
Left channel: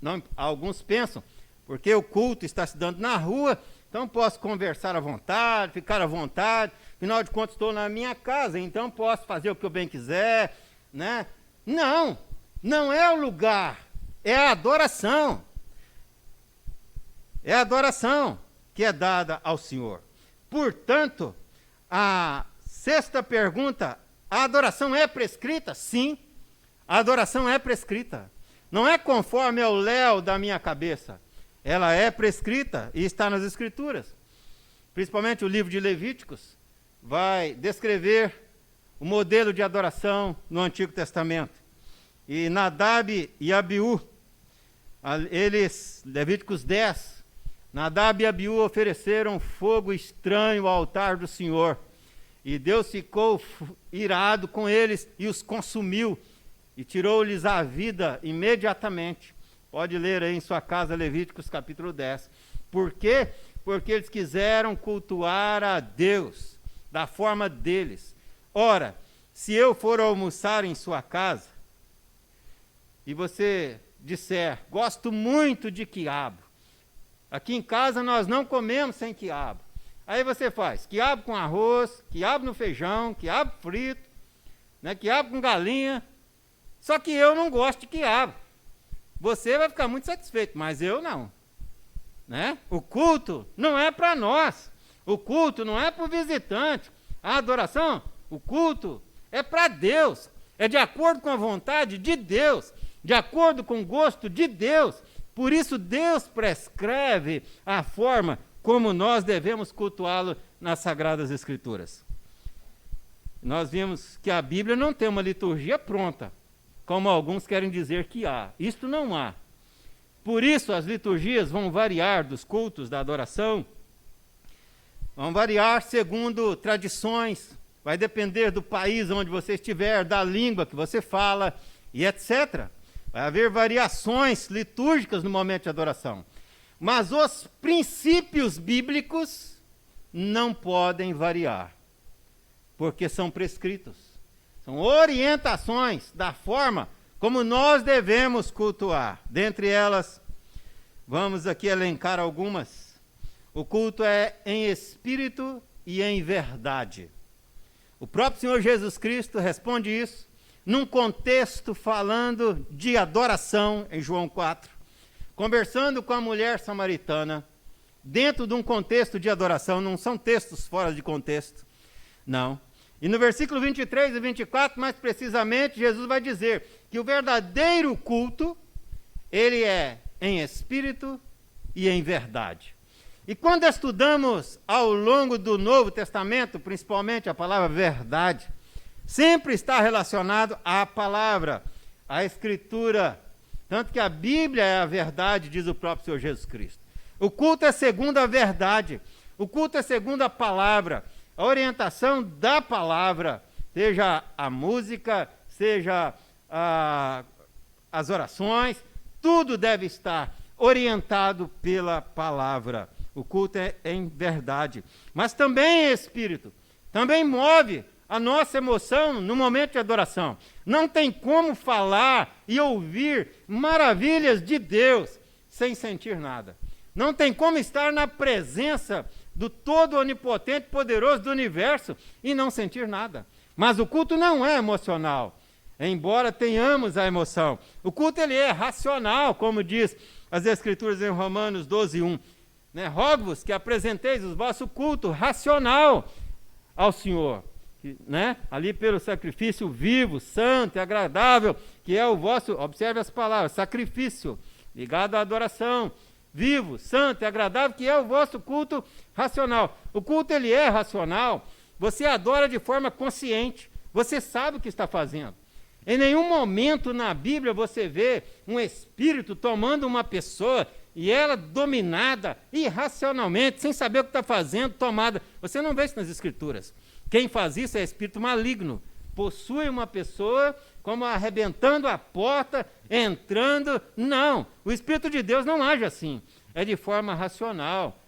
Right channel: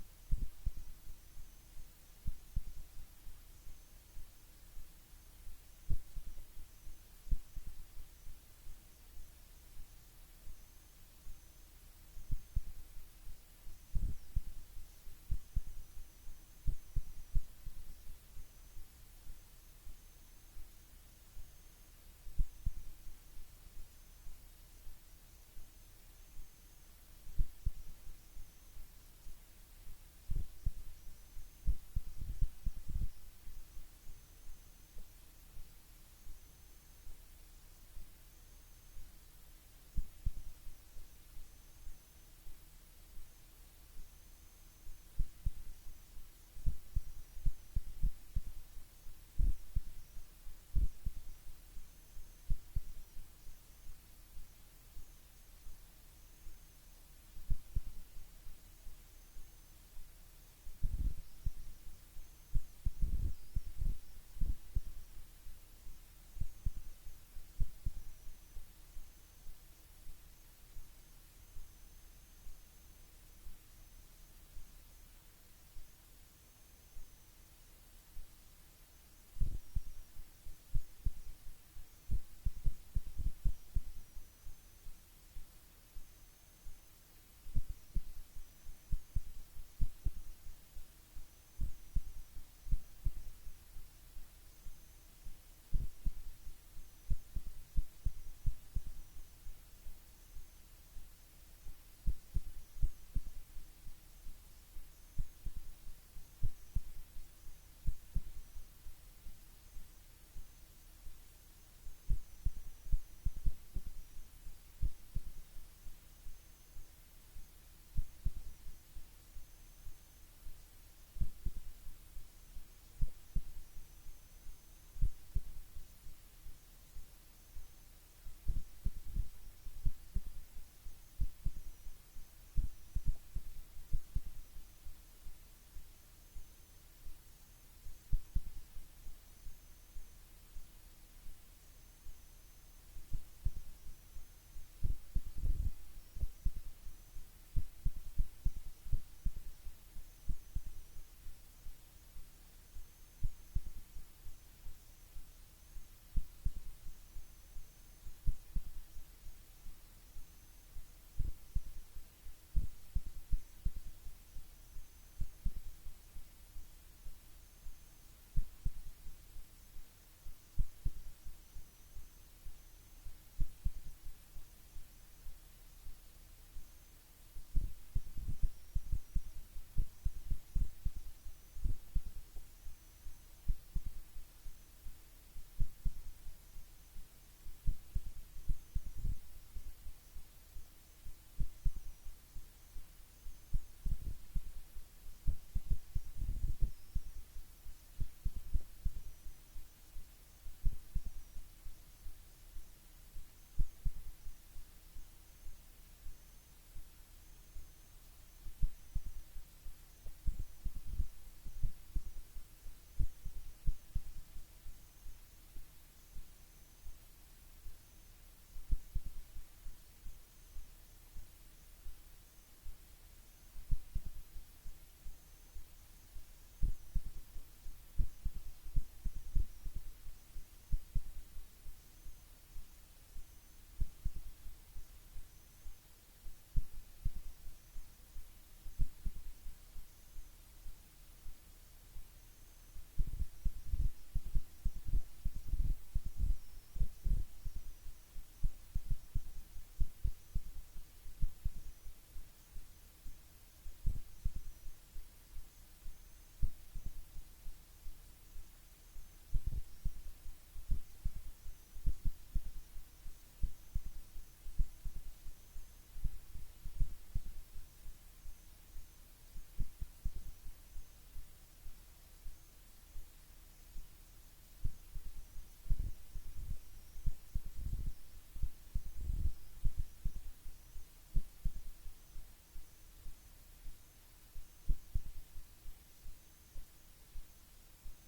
Não, alguns pensam, porque o culto está se dando na rua, então posso conversar à vontade, ficar à vontade, afinal de contas estou na minha casa, então posso fazer o que eu bem quiser, né? Não, não é o lugar, é a adoração. É a adoração que é dada ao Senhor. Portanto, a sexta pergunta, a adoração é prescrita? Sim, a adoração é prescrita. Não é conforme ao léu da minha cabeça. Ela é prescrita e está nas Escrituras. Principalmente o livro de Levíticos vai descrever o modelo de adoração no Antigo Testamento. E Nadab e Abiú, Levíticos 10, Nadab e Abiú ofereceram fogo estranho ao altar do Senhor. E Deus ficou irado com eles e os consumiu. E tirou-lhes a vida imediatamente. Pode ler aí em sua casa Levíticos capítulo 10. Por quê? Porque eles quiseram cultuar a Deus da forma deles. Ora, se eu for almoçar em sua casa e você disser, gosto muito de quiabo, aqui em casa nós não comemos sem quiabo. Aí você faz quiabo com arroz, quiabo no feijão, quiabo frito, né, quiabo com galinha. Só que eu não gosto de quiabo. Você vai ficar muito satisfeito, mas eu não. Né? O culto não é para nós. O culto não é para o visitante. A adoração, o culto é para Deus. É de acordo com a vontade de Deus. De acordo com o gosto de Deus. Por isso Deus prescreve a forma como nós devemos cultuá-lo nas Sagradas Escrituras. Nós vimos que a Bíblia não tem uma liturgia pronta, como alguns querem dizer que há. Isto não há. Por isso as liturgias vão variar dos cultos da adoração, vão variar segundo tradições, vai depender do país onde você estiver, da língua que você fala e etc. Vai haver variações litúrgicas no momento de adoração. Mas os princípios bíblicos não podem variar, porque são prescritos. São orientações da forma como nós devemos cultuar. Dentre elas, vamos aqui elencar algumas. O culto é em espírito e em verdade. O próprio Senhor Jesus Cristo responde isso num contexto falando de adoração, em João 4, conversando com a mulher samaritana, dentro de um contexto de adoração, não são textos fora de contexto, não. E no versículo 23 e 24, mais precisamente, Jesus vai dizer que o verdadeiro culto, ele é em espírito e em verdade. E quando estudamos ao longo do Novo Testamento, principalmente a palavra verdade, sempre está relacionado à palavra, à Escritura. Tanto que a Bíblia é a verdade, diz o próprio Senhor Jesus Cristo. O culto é segundo a verdade, o culto é segundo a palavra, a orientação da palavra, seja a música, seja as orações, tudo deve estar orientado pela palavra. O culto é em verdade, mas também é espírito, também move a nossa emoção no momento de adoração. Não tem como falar e ouvir maravilhas de Deus sem sentir nada. Não tem como estar na presença do todo onipotente, poderoso do universo e não sentir nada. Mas o culto não é emocional, embora tenhamos a emoção. O culto ele é racional, como diz as Escrituras em Romanos 12:1. Rogo-vos que apresenteis o vosso culto racional ao Senhor, ali pelo sacrifício vivo, santo e agradável, que é o vosso, observe as palavras, sacrifício, ligado à adoração, vivo, santo e agradável, que é o vosso culto racional. O culto ele é racional, você adora de forma consciente, você sabe o que está fazendo. Em nenhum momento na Bíblia você vê um espírito tomando uma pessoa e ela dominada irracionalmente, sem saber o que está fazendo, tomada. Você não vê isso nas Escrituras. Quem faz isso é espírito maligno. Possui uma pessoa como arrebentando a porta, entrando. Não, o Espírito de Deus não age assim. É de forma racional.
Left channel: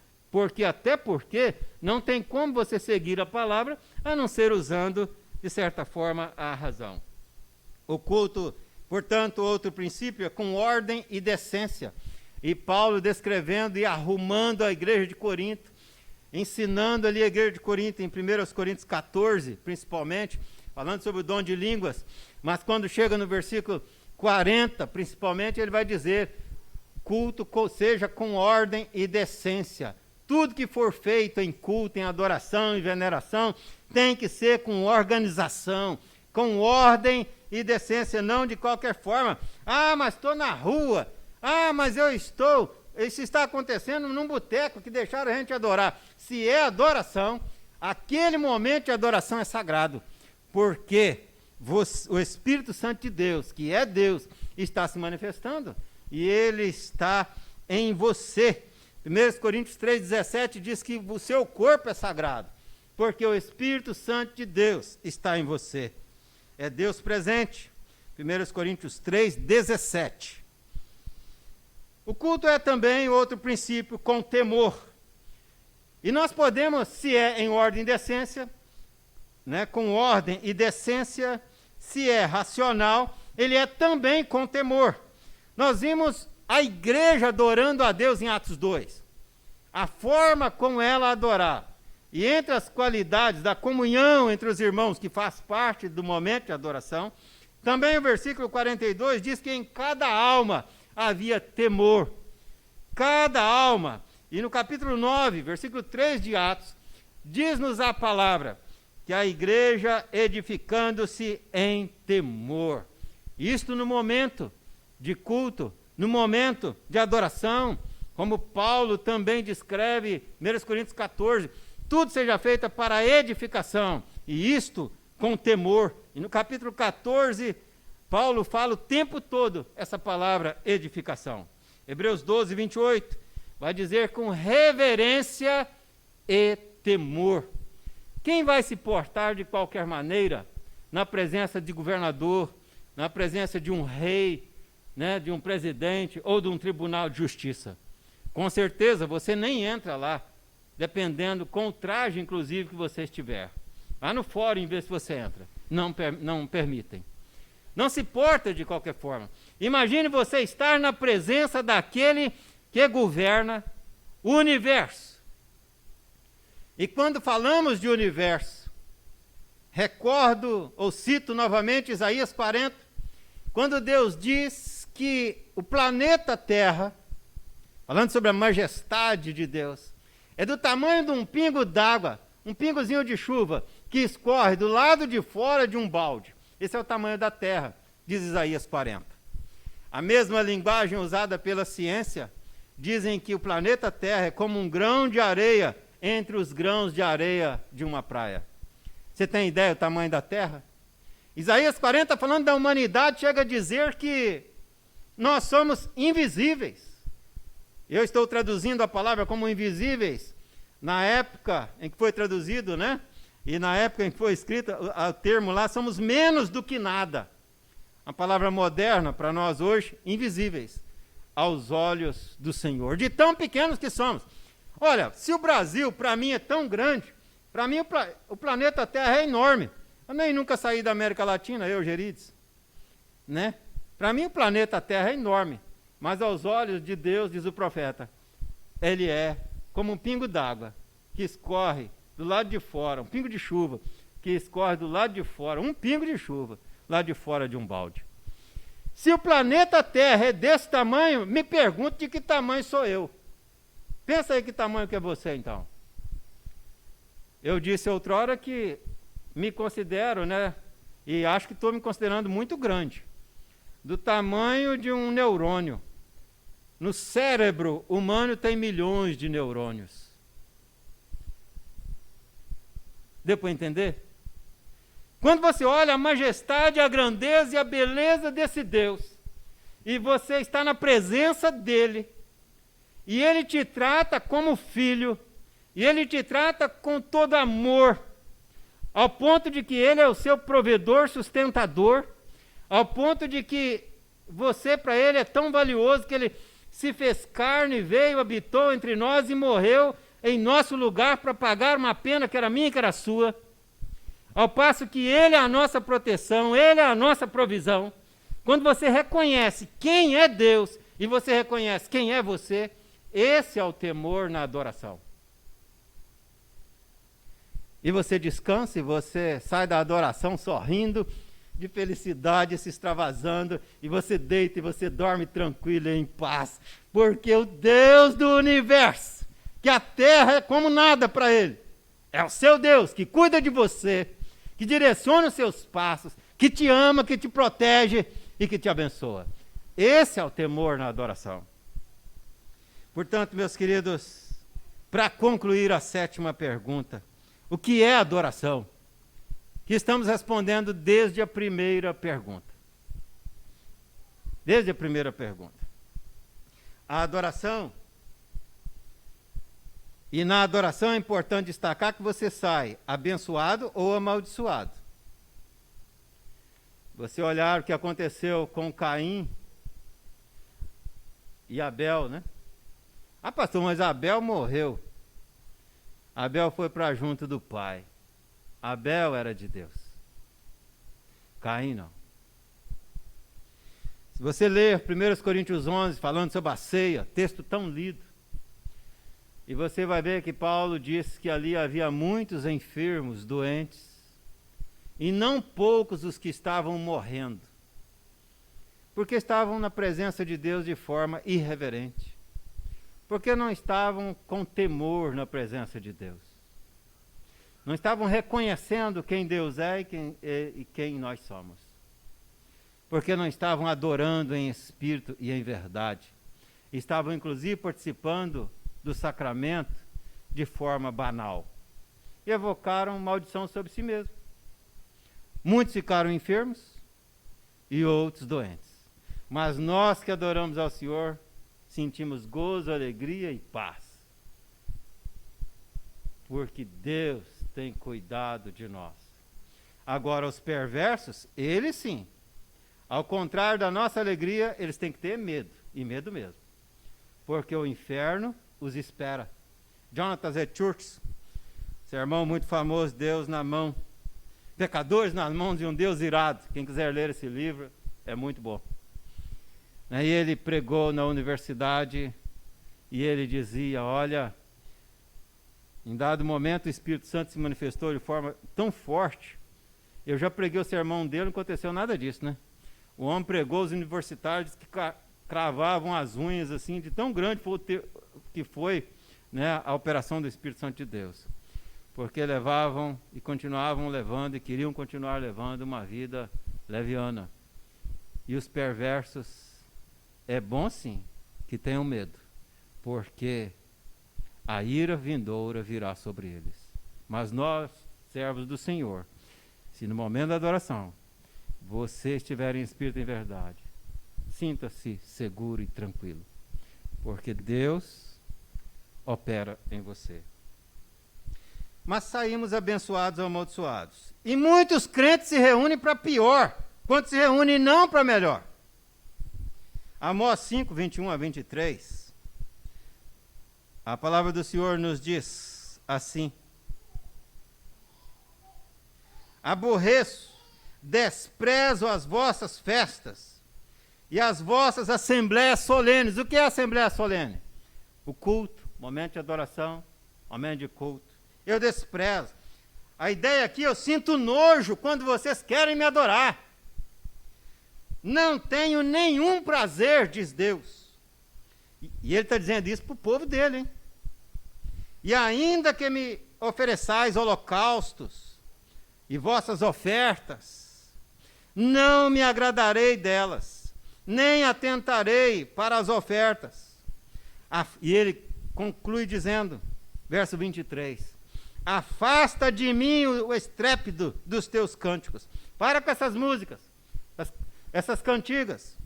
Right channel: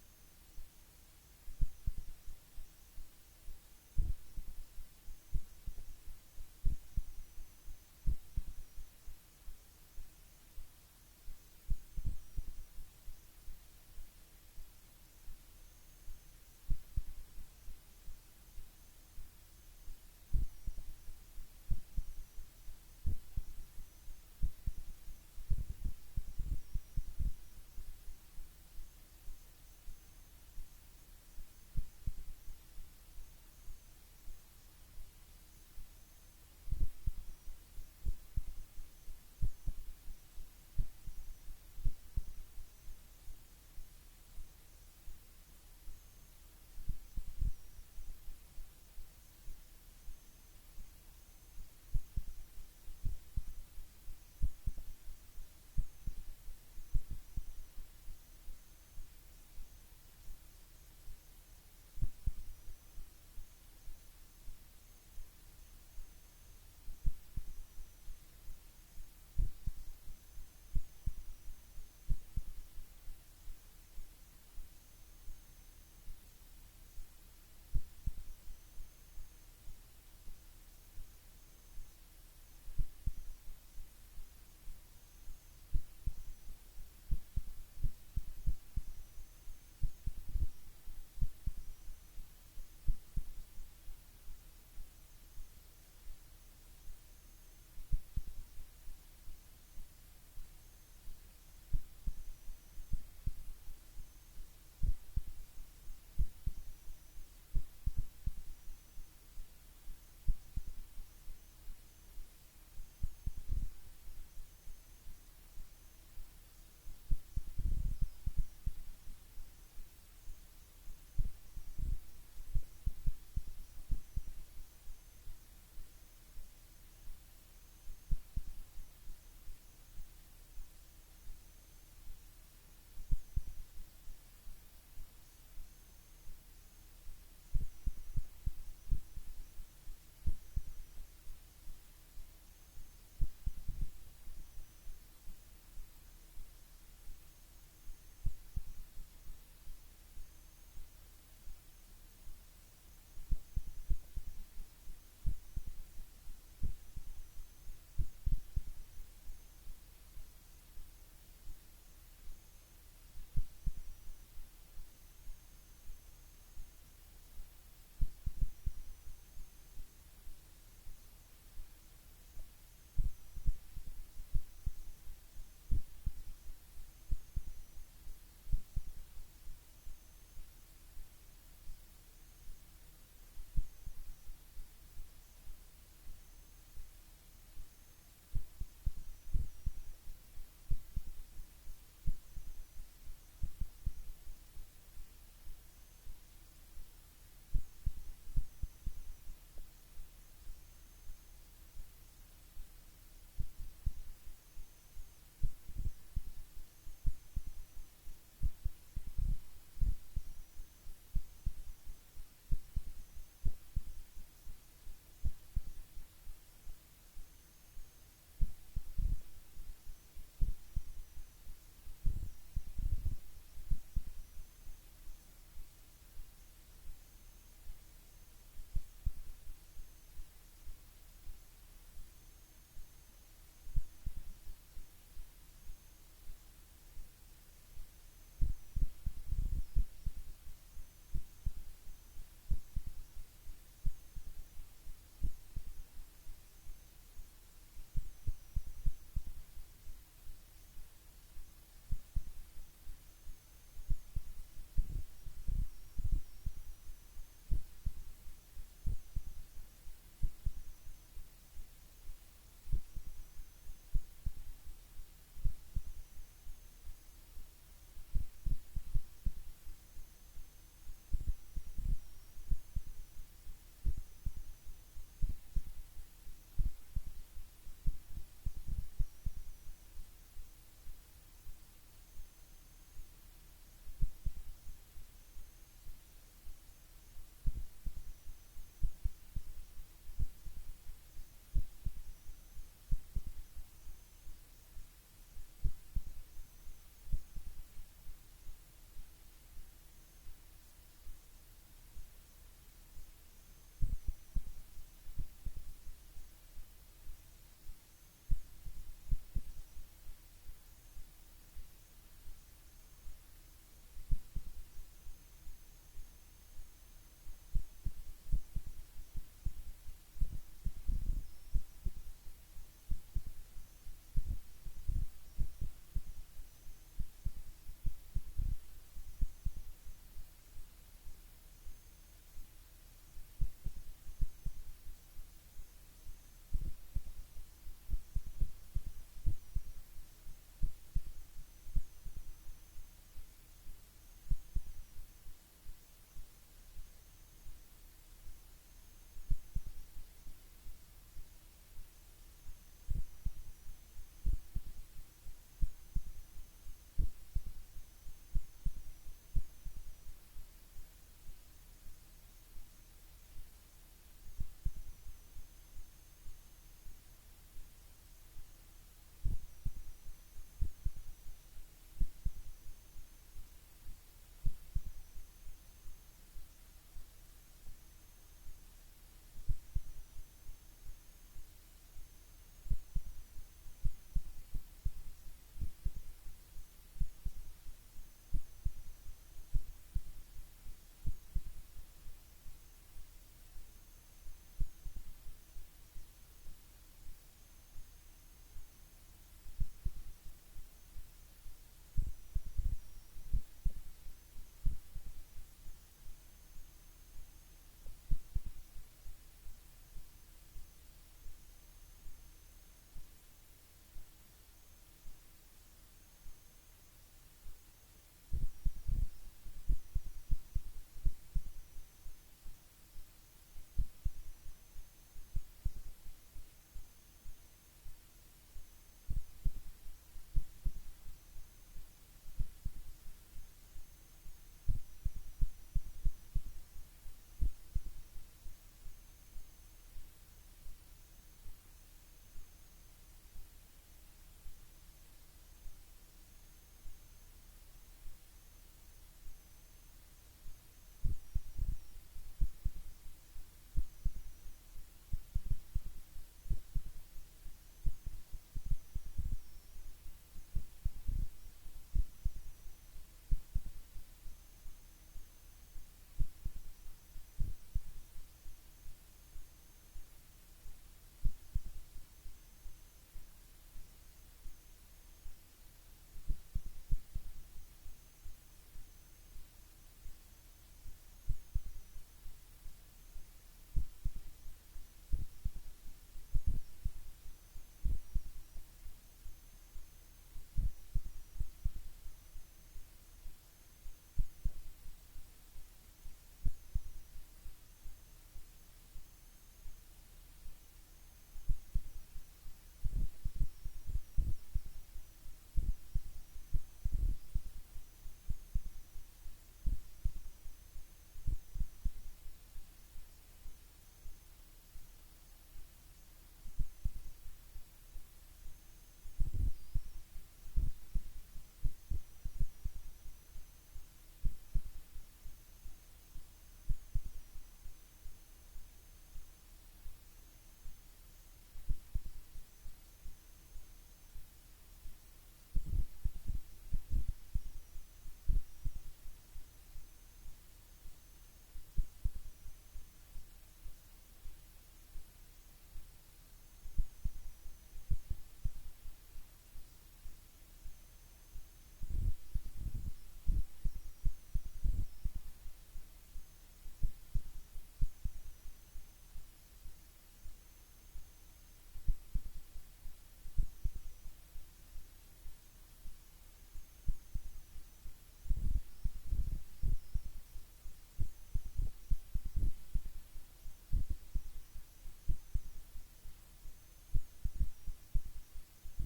Até porque não tem como você seguir a palavra a não ser usando, de certa forma, a razão. O culto, portanto, outro princípio é com ordem e decência. E Paulo descrevendo e arrumando a igreja de Corinto, ensinando ali a igreja de Corinto, em 1 Coríntios 14, principalmente, falando sobre o dom de línguas, mas quando chega no versículo 40, principalmente, ele vai dizer, culto seja com ordem e decência. Tudo que for feito em culto, em adoração, em veneração, tem que ser com organização, com ordem e decência, não de qualquer forma. Ah, mas estou na rua. Ah, mas isso está acontecendo num boteco que deixaram a gente adorar. Se é adoração, aquele momento de adoração é sagrado, porque o Espírito Santo de Deus, que é Deus, está se manifestando e ele está em você. 1 Coríntios 3,17 diz que o seu corpo é sagrado, porque o Espírito Santo de Deus está em você. É Deus presente. 1 Coríntios 3,17. O culto é também outro princípio com temor. E nós podemos, se é em ordem e decência, com ordem e decência, se é racional, ele é também com temor. Nós vimos a igreja adorando a Deus em Atos 2. A forma como ela adorar. E entre as qualidades da comunhão entre os irmãos, que faz parte do momento de adoração, também o versículo 42 diz que em cada alma havia temor. Cada alma. E no capítulo 9, versículo 3 de Atos, diz-nos a palavra que a igreja edificando-se em temor. Isto no momento de culto, no momento de adoração, como Paulo também descreve, 1 Coríntios 14, tudo seja feito para edificação, e isto com temor. E no capítulo 14, Paulo fala o tempo todo essa palavra edificação. Hebreus 12, 28, vai dizer com reverência e temor. Quem vai se portar de qualquer maneira na presença de governador, na presença de um rei, né, de um presidente ou de um tribunal de justiça? Com certeza você nem entra lá, dependendo com o traje, inclusive, que você estiver. Lá no fórum, em vez se você entra. Não permitem. Não se porta de qualquer forma. Imagine você estar na presença daquele que governa o universo. E quando falamos de universo, recordo ou cito novamente Isaías 40, quando Deus diz que o planeta Terra, falando sobre a majestade de Deus, é do tamanho de um pingo d'água, um pingozinho de chuva, que escorre do lado de fora de um balde. Esse é o tamanho da Terra, diz Isaías 40. A mesma linguagem usada pela ciência, dizem que o planeta Terra é como um grão de areia entre os grãos de areia de uma praia. Você tem ideia do tamanho da Terra? Isaías 40, falando da humanidade, chega a dizer que nós somos invisíveis. Eu estou traduzindo a palavra como invisíveis, na época em que foi traduzido, né? E na época em que foi escrito, o termo lá, somos menos do que nada. A palavra moderna para nós hoje, invisíveis aos olhos do Senhor, de tão pequenos que somos. Olha, se o Brasil para mim é tão grande, para mim o planeta Terra é enorme. Eu nem nunca saí da América Latina, eu, Gerides, né? Para mim o planeta Terra é enorme, mas aos olhos de Deus, diz o profeta, ele é como um pingo d'água que escorre do lado de fora, um pingo de chuva que escorre do lado de fora, um pingo de chuva lá de fora de um balde. Se o planeta Terra é desse tamanho, me pergunto de que tamanho sou eu. Pensa aí que tamanho que é você, então. Eu disse outrora que me considero, né, e acho que estou me considerando muito grande, do tamanho de um neurônio. No cérebro humano tem milhões de neurônios. Deu para entender? Quando você olha a majestade, a grandeza e a beleza desse Deus, e você está na presença dele, e ele te trata como filho, e ele te trata com todo amor, ao ponto de que ele é o seu provedor, sustentador, ao ponto de que você para ele é tão valioso que ele se fez carne, veio, habitou entre nós e morreu em nosso lugar para pagar uma pena que era minha e que era sua. Ao passo que ele é a nossa proteção, ele é a nossa provisão. Quando você reconhece quem é Deus e você reconhece quem é você, esse é o temor na adoração. E você descansa e você sai da adoração sorrindo, de felicidade, se extravasando, e você deita e você dorme tranquilo e em paz, porque o Deus do universo, que a terra é como nada para ele, é o seu Deus que cuida de você, que direciona os seus passos, que te ama, que te protege e que te abençoa. Esse é o temor na adoração. Portanto, meus queridos, para concluir a 7ª pergunta, o que é adoração? Que estamos respondendo desde a primeira pergunta. Desde a primeira pergunta. A adoração, e na adoração é importante destacar que você sai abençoado ou amaldiçoado. Você olhar o que aconteceu com Caim e Abel, né? Ah, pastor, mas Abel morreu. Abel foi para junto do pai. Abel era de Deus. Caim não. Se você ler 1 Coríntios 11, falando sobre a ceia, texto tão lido, e você vai ver que Paulo disse que ali havia muitos enfermos, doentes, e não poucos os que estavam morrendo, porque estavam na presença de Deus de forma irreverente, porque não estavam com temor na presença de Deus. Não estavam reconhecendo quem Deus é e quem nós somos. Porque não estavam adorando em espírito e em verdade. estavam inclusive participando do sacramento de forma banal. E evocaram maldição sobre si mesmos. Muitos ficaram enfermos e outros doentes. Mas nós que adoramos ao Senhor, sentimos gozo, alegria e paz. Porque Deus tem cuidado de nós. Agora, os perversos, eles sim, ao contrário da nossa alegria, eles têm que ter medo, e medo mesmo. Porque o inferno os espera. Jonathan Edwards, sermão muito famoso, Deus na mão, pecadores nas mãos de um Deus irado. Quem quiser ler esse livro, é muito bom. Aí ele pregou na universidade e ele dizia, olha, em dado momento o Espírito Santo se manifestou de forma tão forte. Eu já preguei o sermão dele, não aconteceu nada disso, né? O homem pregou, os universitários que cravavam as unhas assim, de tão grande que foi, né, a operação do Espírito Santo de Deus. Porque levavam e continuavam levando e queriam continuar levando uma vida leviana. E os perversos, é bom sim que tenham medo, porque a ira vindoura virá sobre eles. Mas nós, servos do Senhor, se no momento da adoração você estiver em espírito e em verdade, sinta-se seguro e tranquilo, porque Deus opera em você. Mas saímos abençoados ou amaldiçoados. E muitos crentes se reúnem para pior, quando se reúnem não para melhor. Amós 5, 21 a 23, a palavra do Senhor nos diz assim: aborreço, desprezo as vossas festas e as vossas assembleias solenes. O que é assembleia solene? O culto, momento de adoração, momento de culto. Eu desprezo. A ideia aqui, eu sinto nojo quando vocês querem me adorar. Não tenho nenhum prazer, diz Deus. E ele está dizendo isso para o povo dele, hein? E ainda que me ofereçais holocaustos e vossas ofertas, não me agradarei delas, nem atentarei para as ofertas. E ele conclui dizendo, verso 23, afasta de mim o estrépito dos teus cânticos. Para com essas músicas, essas cantigas,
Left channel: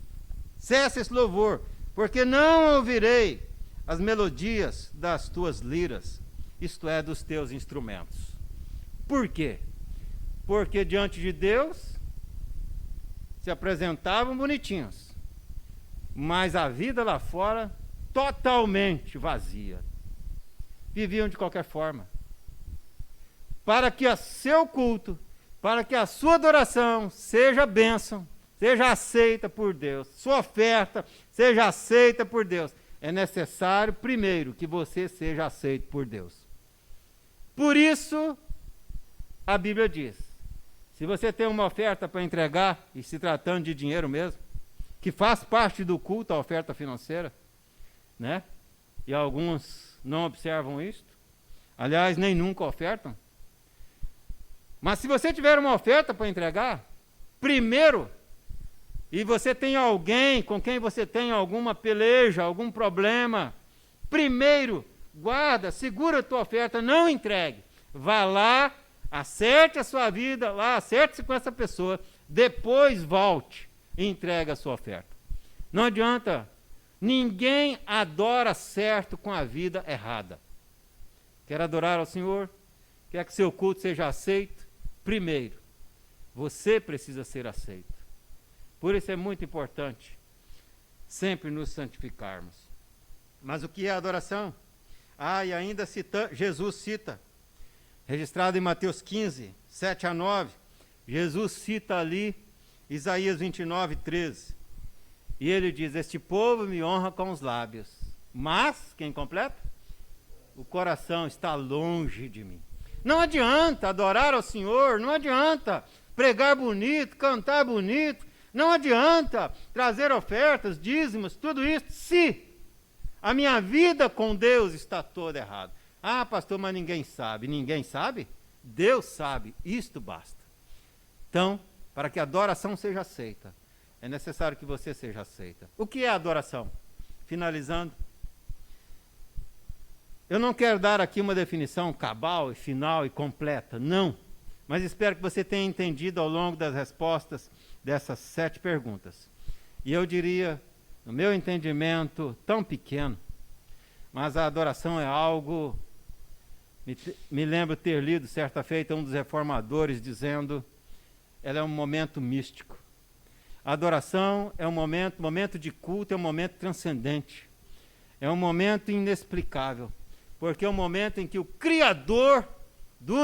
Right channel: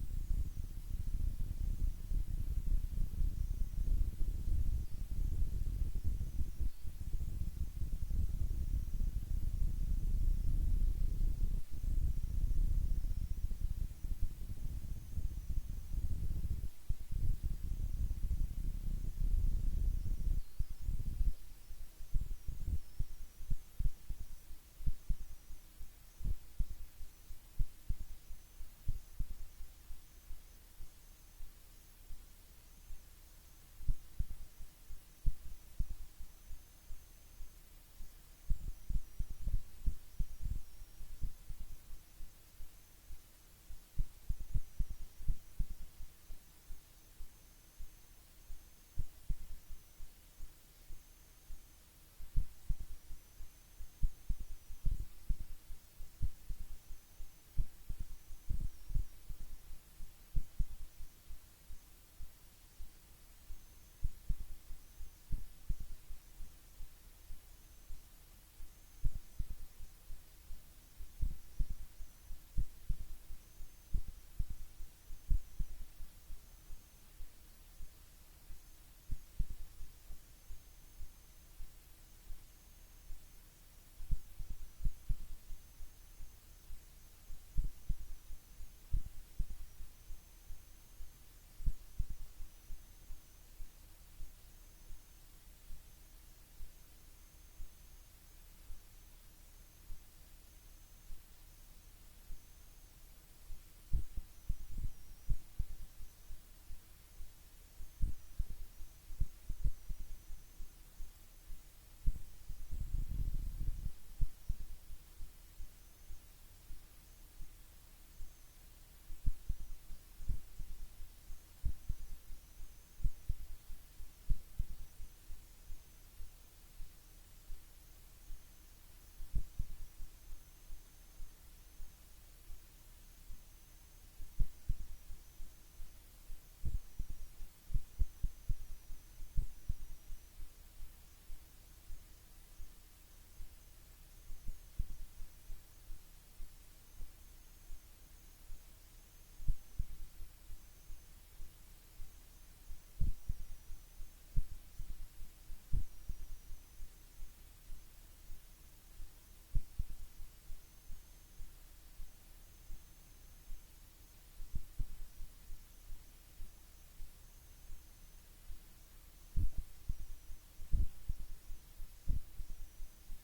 cessa esse louvor, porque não ouvirei as melodias das tuas liras, isto é, dos teus instrumentos. Por quê? Porque diante de Deus se apresentavam bonitinhos, mas a vida lá fora totalmente vazia. Viviam de qualquer forma. Para que o seu culto, para que a sua adoração seja bênção, seja aceita por Deus, sua oferta seja aceita por Deus, é necessário primeiro que você seja aceito por Deus. Por isso, a Bíblia diz, se você tem uma oferta para entregar, e se tratando de dinheiro mesmo, que faz parte do culto a oferta financeira, né? E alguns não observam isso, aliás, nem nunca ofertam. Mas se você tiver uma oferta para entregar, primeiro, e você tem alguém com quem você tem alguma peleja, algum problema, primeiro, guarda, segura a tua oferta, não entregue. Vá lá, acerte a sua vida, lá, acerte-se com essa pessoa, depois volte e entregue a sua oferta. Não adianta, ninguém adora certo com a vida errada. Quer adorar ao Senhor? Quer que seu culto seja aceito? Primeiro, você precisa ser aceito. Por isso é muito importante sempre nos santificarmos. Mas o que é adoração? E ainda Jesus cita, registrado em Mateus 15, 7 a 9, Jesus cita ali Isaías 29, 13. E ele diz, este povo me honra com os lábios, mas, quem completa? O coração está longe de mim. Não adianta adorar ao Senhor, não adianta pregar bonito, cantar bonito, não adianta trazer ofertas, dízimos, tudo isso, se a minha vida com Deus está toda errada. Pastor, mas ninguém sabe. Ninguém sabe? Deus sabe, isto basta. Então, para que a adoração seja aceita, é necessário que você seja aceita. O que é adoração? finalizando, eu não quero dar aqui uma definição cabal e final e completa, não. Mas espero que você tenha entendido ao longo das respostas dessas 7 perguntas. E eu diria, no meu entendimento tão pequeno, mas a adoração é algo... Me lembro ter lido certa feita um dos reformadores dizendo, ela é um momento místico. A adoração é um momento de culto, é um momento transcendente. É um momento inexplicável. Porque é um momento em que o Criador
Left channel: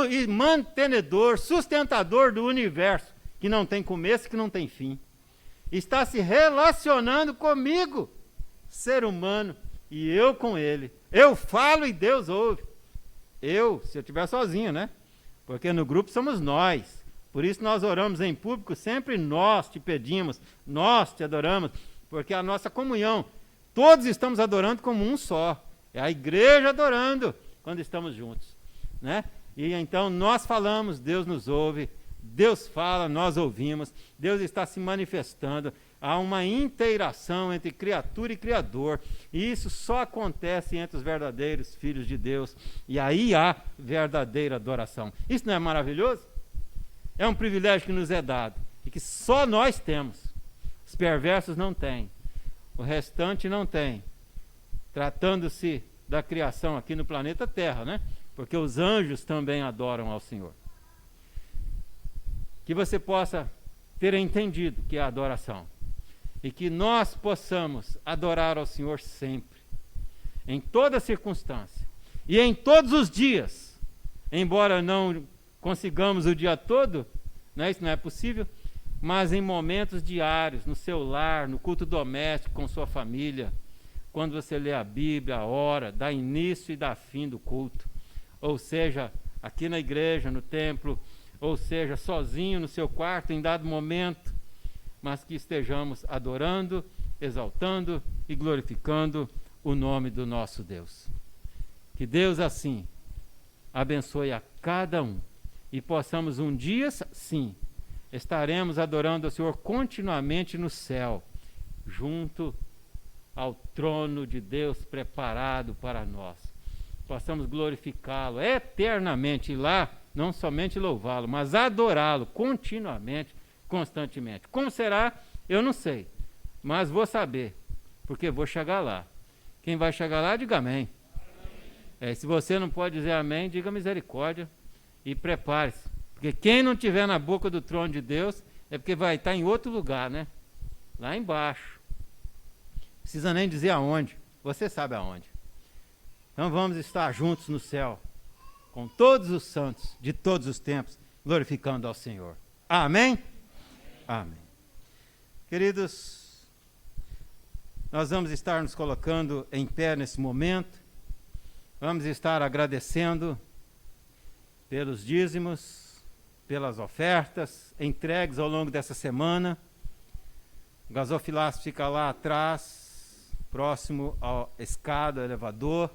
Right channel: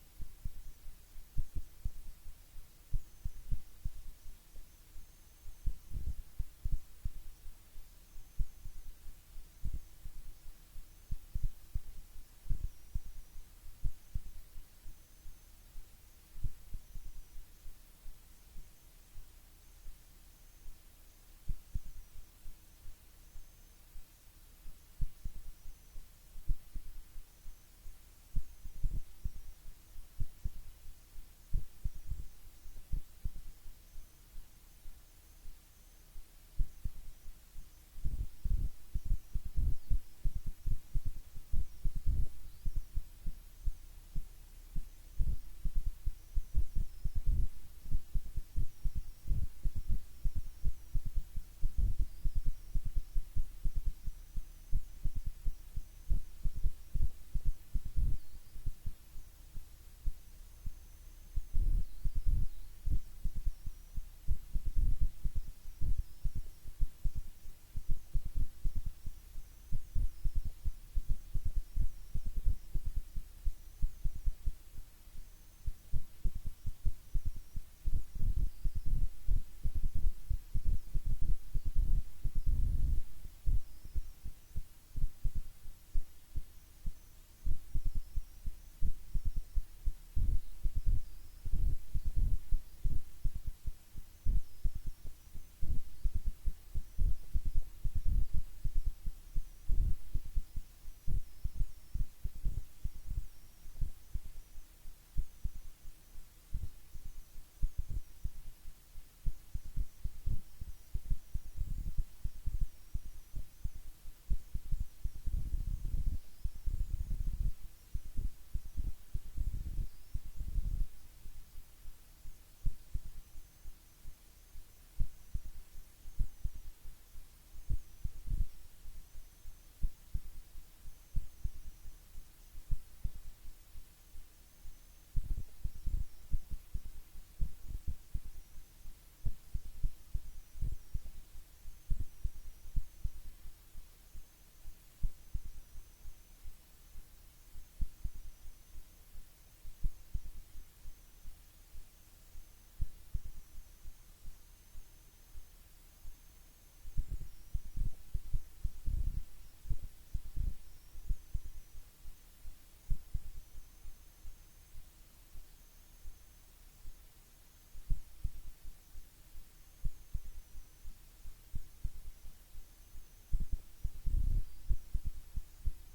e mantenedor, sustentador do universo, que não tem começo e que não tem fim, está se relacionando comigo, ser humano, e eu com ele. Eu falo e Deus ouve. Se eu estiver sozinho, né? Porque no grupo somos nós. Por isso nós oramos em público, sempre nós te pedimos, nós te adoramos, porque a nossa comunhão, todos estamos adorando como um só. É a igreja adorando quando estamos juntos, né? E então nós falamos, Deus nos ouve, Deus fala, nós ouvimos, Deus está se manifestando. Há uma inteiração entre criatura e criador, e isso só acontece entre os verdadeiros filhos de Deus, e aí há verdadeira adoração. Isso não é maravilhoso? É um privilégio que nos é dado, e que só nós temos. Os perversos não têm, o restante não tem. Tratando-se da criação aqui no planeta Terra, né? Porque os anjos também adoram ao Senhor. Que você possa ter entendido que é a adoração. E que nós possamos adorar ao Senhor sempre, em toda circunstância, e em todos os dias, embora não consigamos o dia todo, né? Isso não é possível, mas em momentos diários, no seu lar, no culto doméstico, com sua família, quando você lê a Bíblia, ora, dá início e dá fim do culto, ou seja, aqui na igreja, no templo, ou seja, sozinho no seu quarto em dado momento, mas que estejamos adorando, exaltando e glorificando o nome do nosso Deus. Que Deus assim abençoe a cada um e possamos um dia, sim, estaremos adorando ao Senhor continuamente no céu, junto ao trono de Deus preparado para nós. Possamos glorificá-lo eternamente e lá, não somente louvá-lo, mas adorá-lo continuamente, constantemente. Como será? Eu não sei, mas vou saber, porque vou chegar lá. Quem vai chegar lá, diga amém. Se você não pode dizer amém, diga misericórdia e prepare-se, porque quem não estiver na boca do trono de Deus é porque vai estar em outro lugar, né? Lá embaixo. Precisa nem dizer aonde, você sabe aonde. Então vamos estar juntos no céu, com todos os santos de todos os tempos, glorificando ao Senhor. Amém? Amém. Queridos, nós vamos estar nos colocando em pé nesse momento, vamos estar agradecendo pelos dízimos, pelas ofertas entregues ao longo dessa semana. O gasofilácio fica lá atrás, próximo à escada, ao elevador.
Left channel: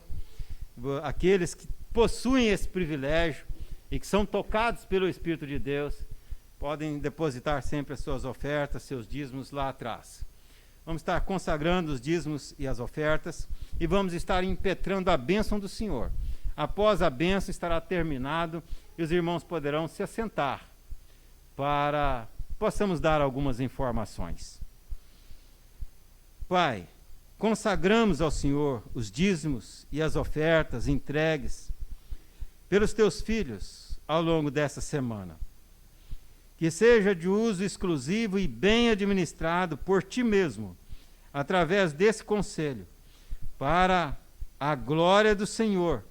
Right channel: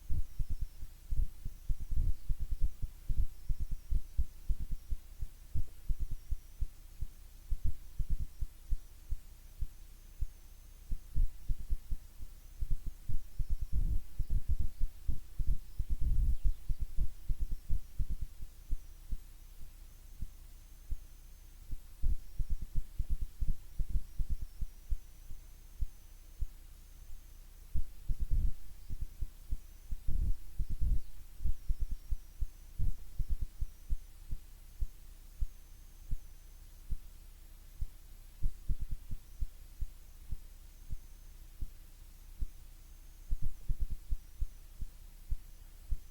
Aqueles que possuem esse privilégio e que são tocados pelo Espírito de Deus, podem depositar sempre as suas ofertas, seus dízimos lá atrás. Vamos estar consagrando os dízimos e as ofertas e vamos estar impetrando a bênção do Senhor. Após a bênção estará terminado e os irmãos poderão se assentar para possamos dar algumas informações. Pai, consagramos ao Senhor os dízimos e as ofertas entregues pelos teus filhos ao longo dessa semana. Que seja de uso exclusivo e bem administrado por ti mesmo, através desse conselho, para a glória do Senhor,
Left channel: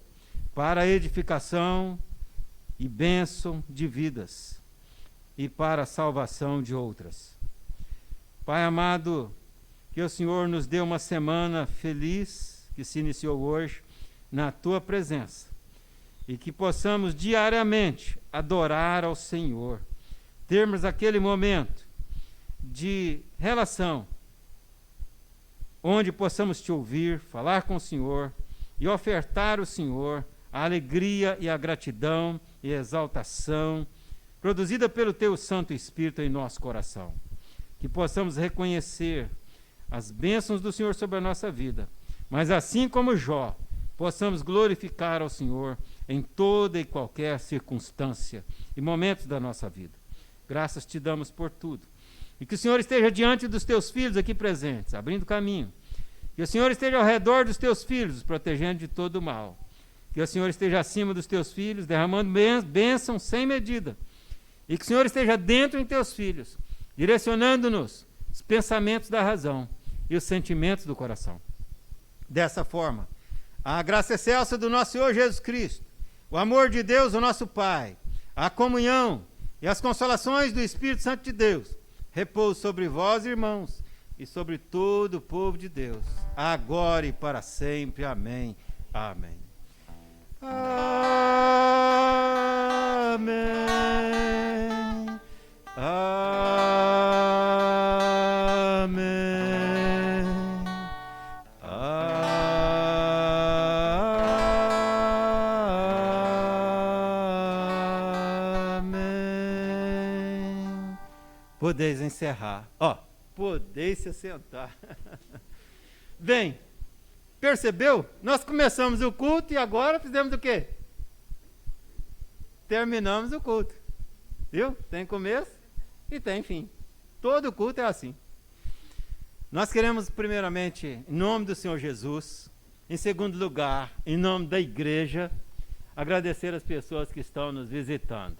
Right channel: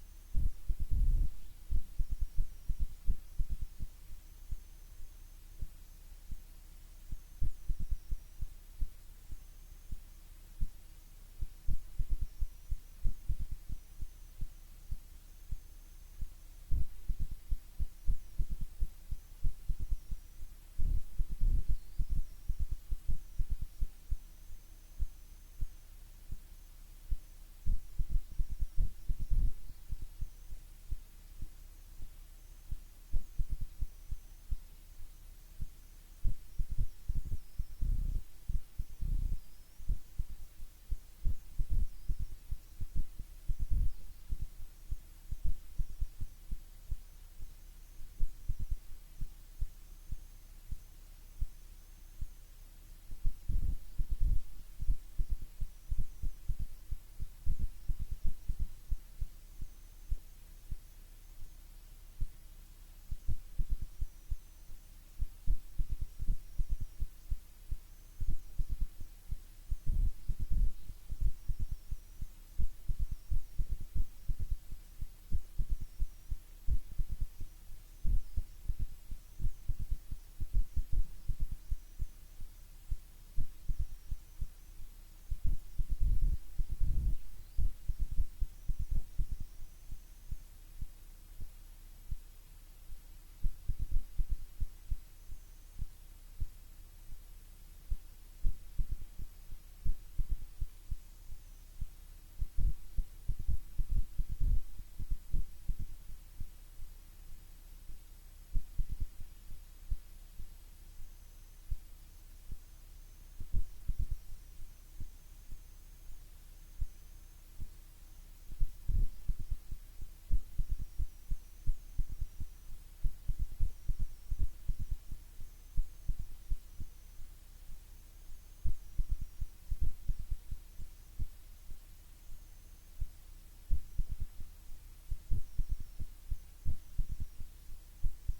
para a edificação e bênção de vidas e para a salvação de outras. Pai amado, que o Senhor nos dê uma semana feliz, que se iniciou hoje, na tua presença, e que possamos diariamente adorar ao Senhor, termos aquele momento de relação, onde possamos te ouvir, falar com o Senhor e ofertar ao Senhor a alegria e a gratidão e a exaltação produzida pelo teu Santo Espírito em nosso coração. Que possamos reconhecer as bênçãos do Senhor sobre a nossa vida, mas assim como Jó, possamos glorificar ao Senhor em toda e qualquer circunstância e momentos da nossa vida. Graças te damos por tudo. E que o Senhor esteja diante dos teus filhos aqui presentes, abrindo caminho. Que o Senhor esteja ao redor dos teus filhos, os protegendo de todo o mal. Que o Senhor esteja acima dos teus filhos, derramando bênção sem medida. E que o Senhor esteja dentro em teus filhos, direcionando-nos os pensamentos da razão e os sentimentos do coração. Dessa forma, a graça excelsa do nosso Senhor Jesus Cristo, o amor de Deus, o nosso Pai, a comunhão e as consolações do Espírito Santo de Deus, repouse sobre vós, irmãos, e sobre todo o povo de Deus, agora e para sempre. Amém. Amém. Amém. Amém. Amém. Podeis encerrar. Podeis se sentar. Bem, percebeu? Nós começamos o culto e agora fizemos o quê? Terminamos o culto. Viu? Tem começo e tem fim. Todo culto é assim. Nós queremos, primeiramente, em nome do Senhor Jesus, em segundo lugar, em nome da igreja, agradecer as pessoas que estão nos visitando.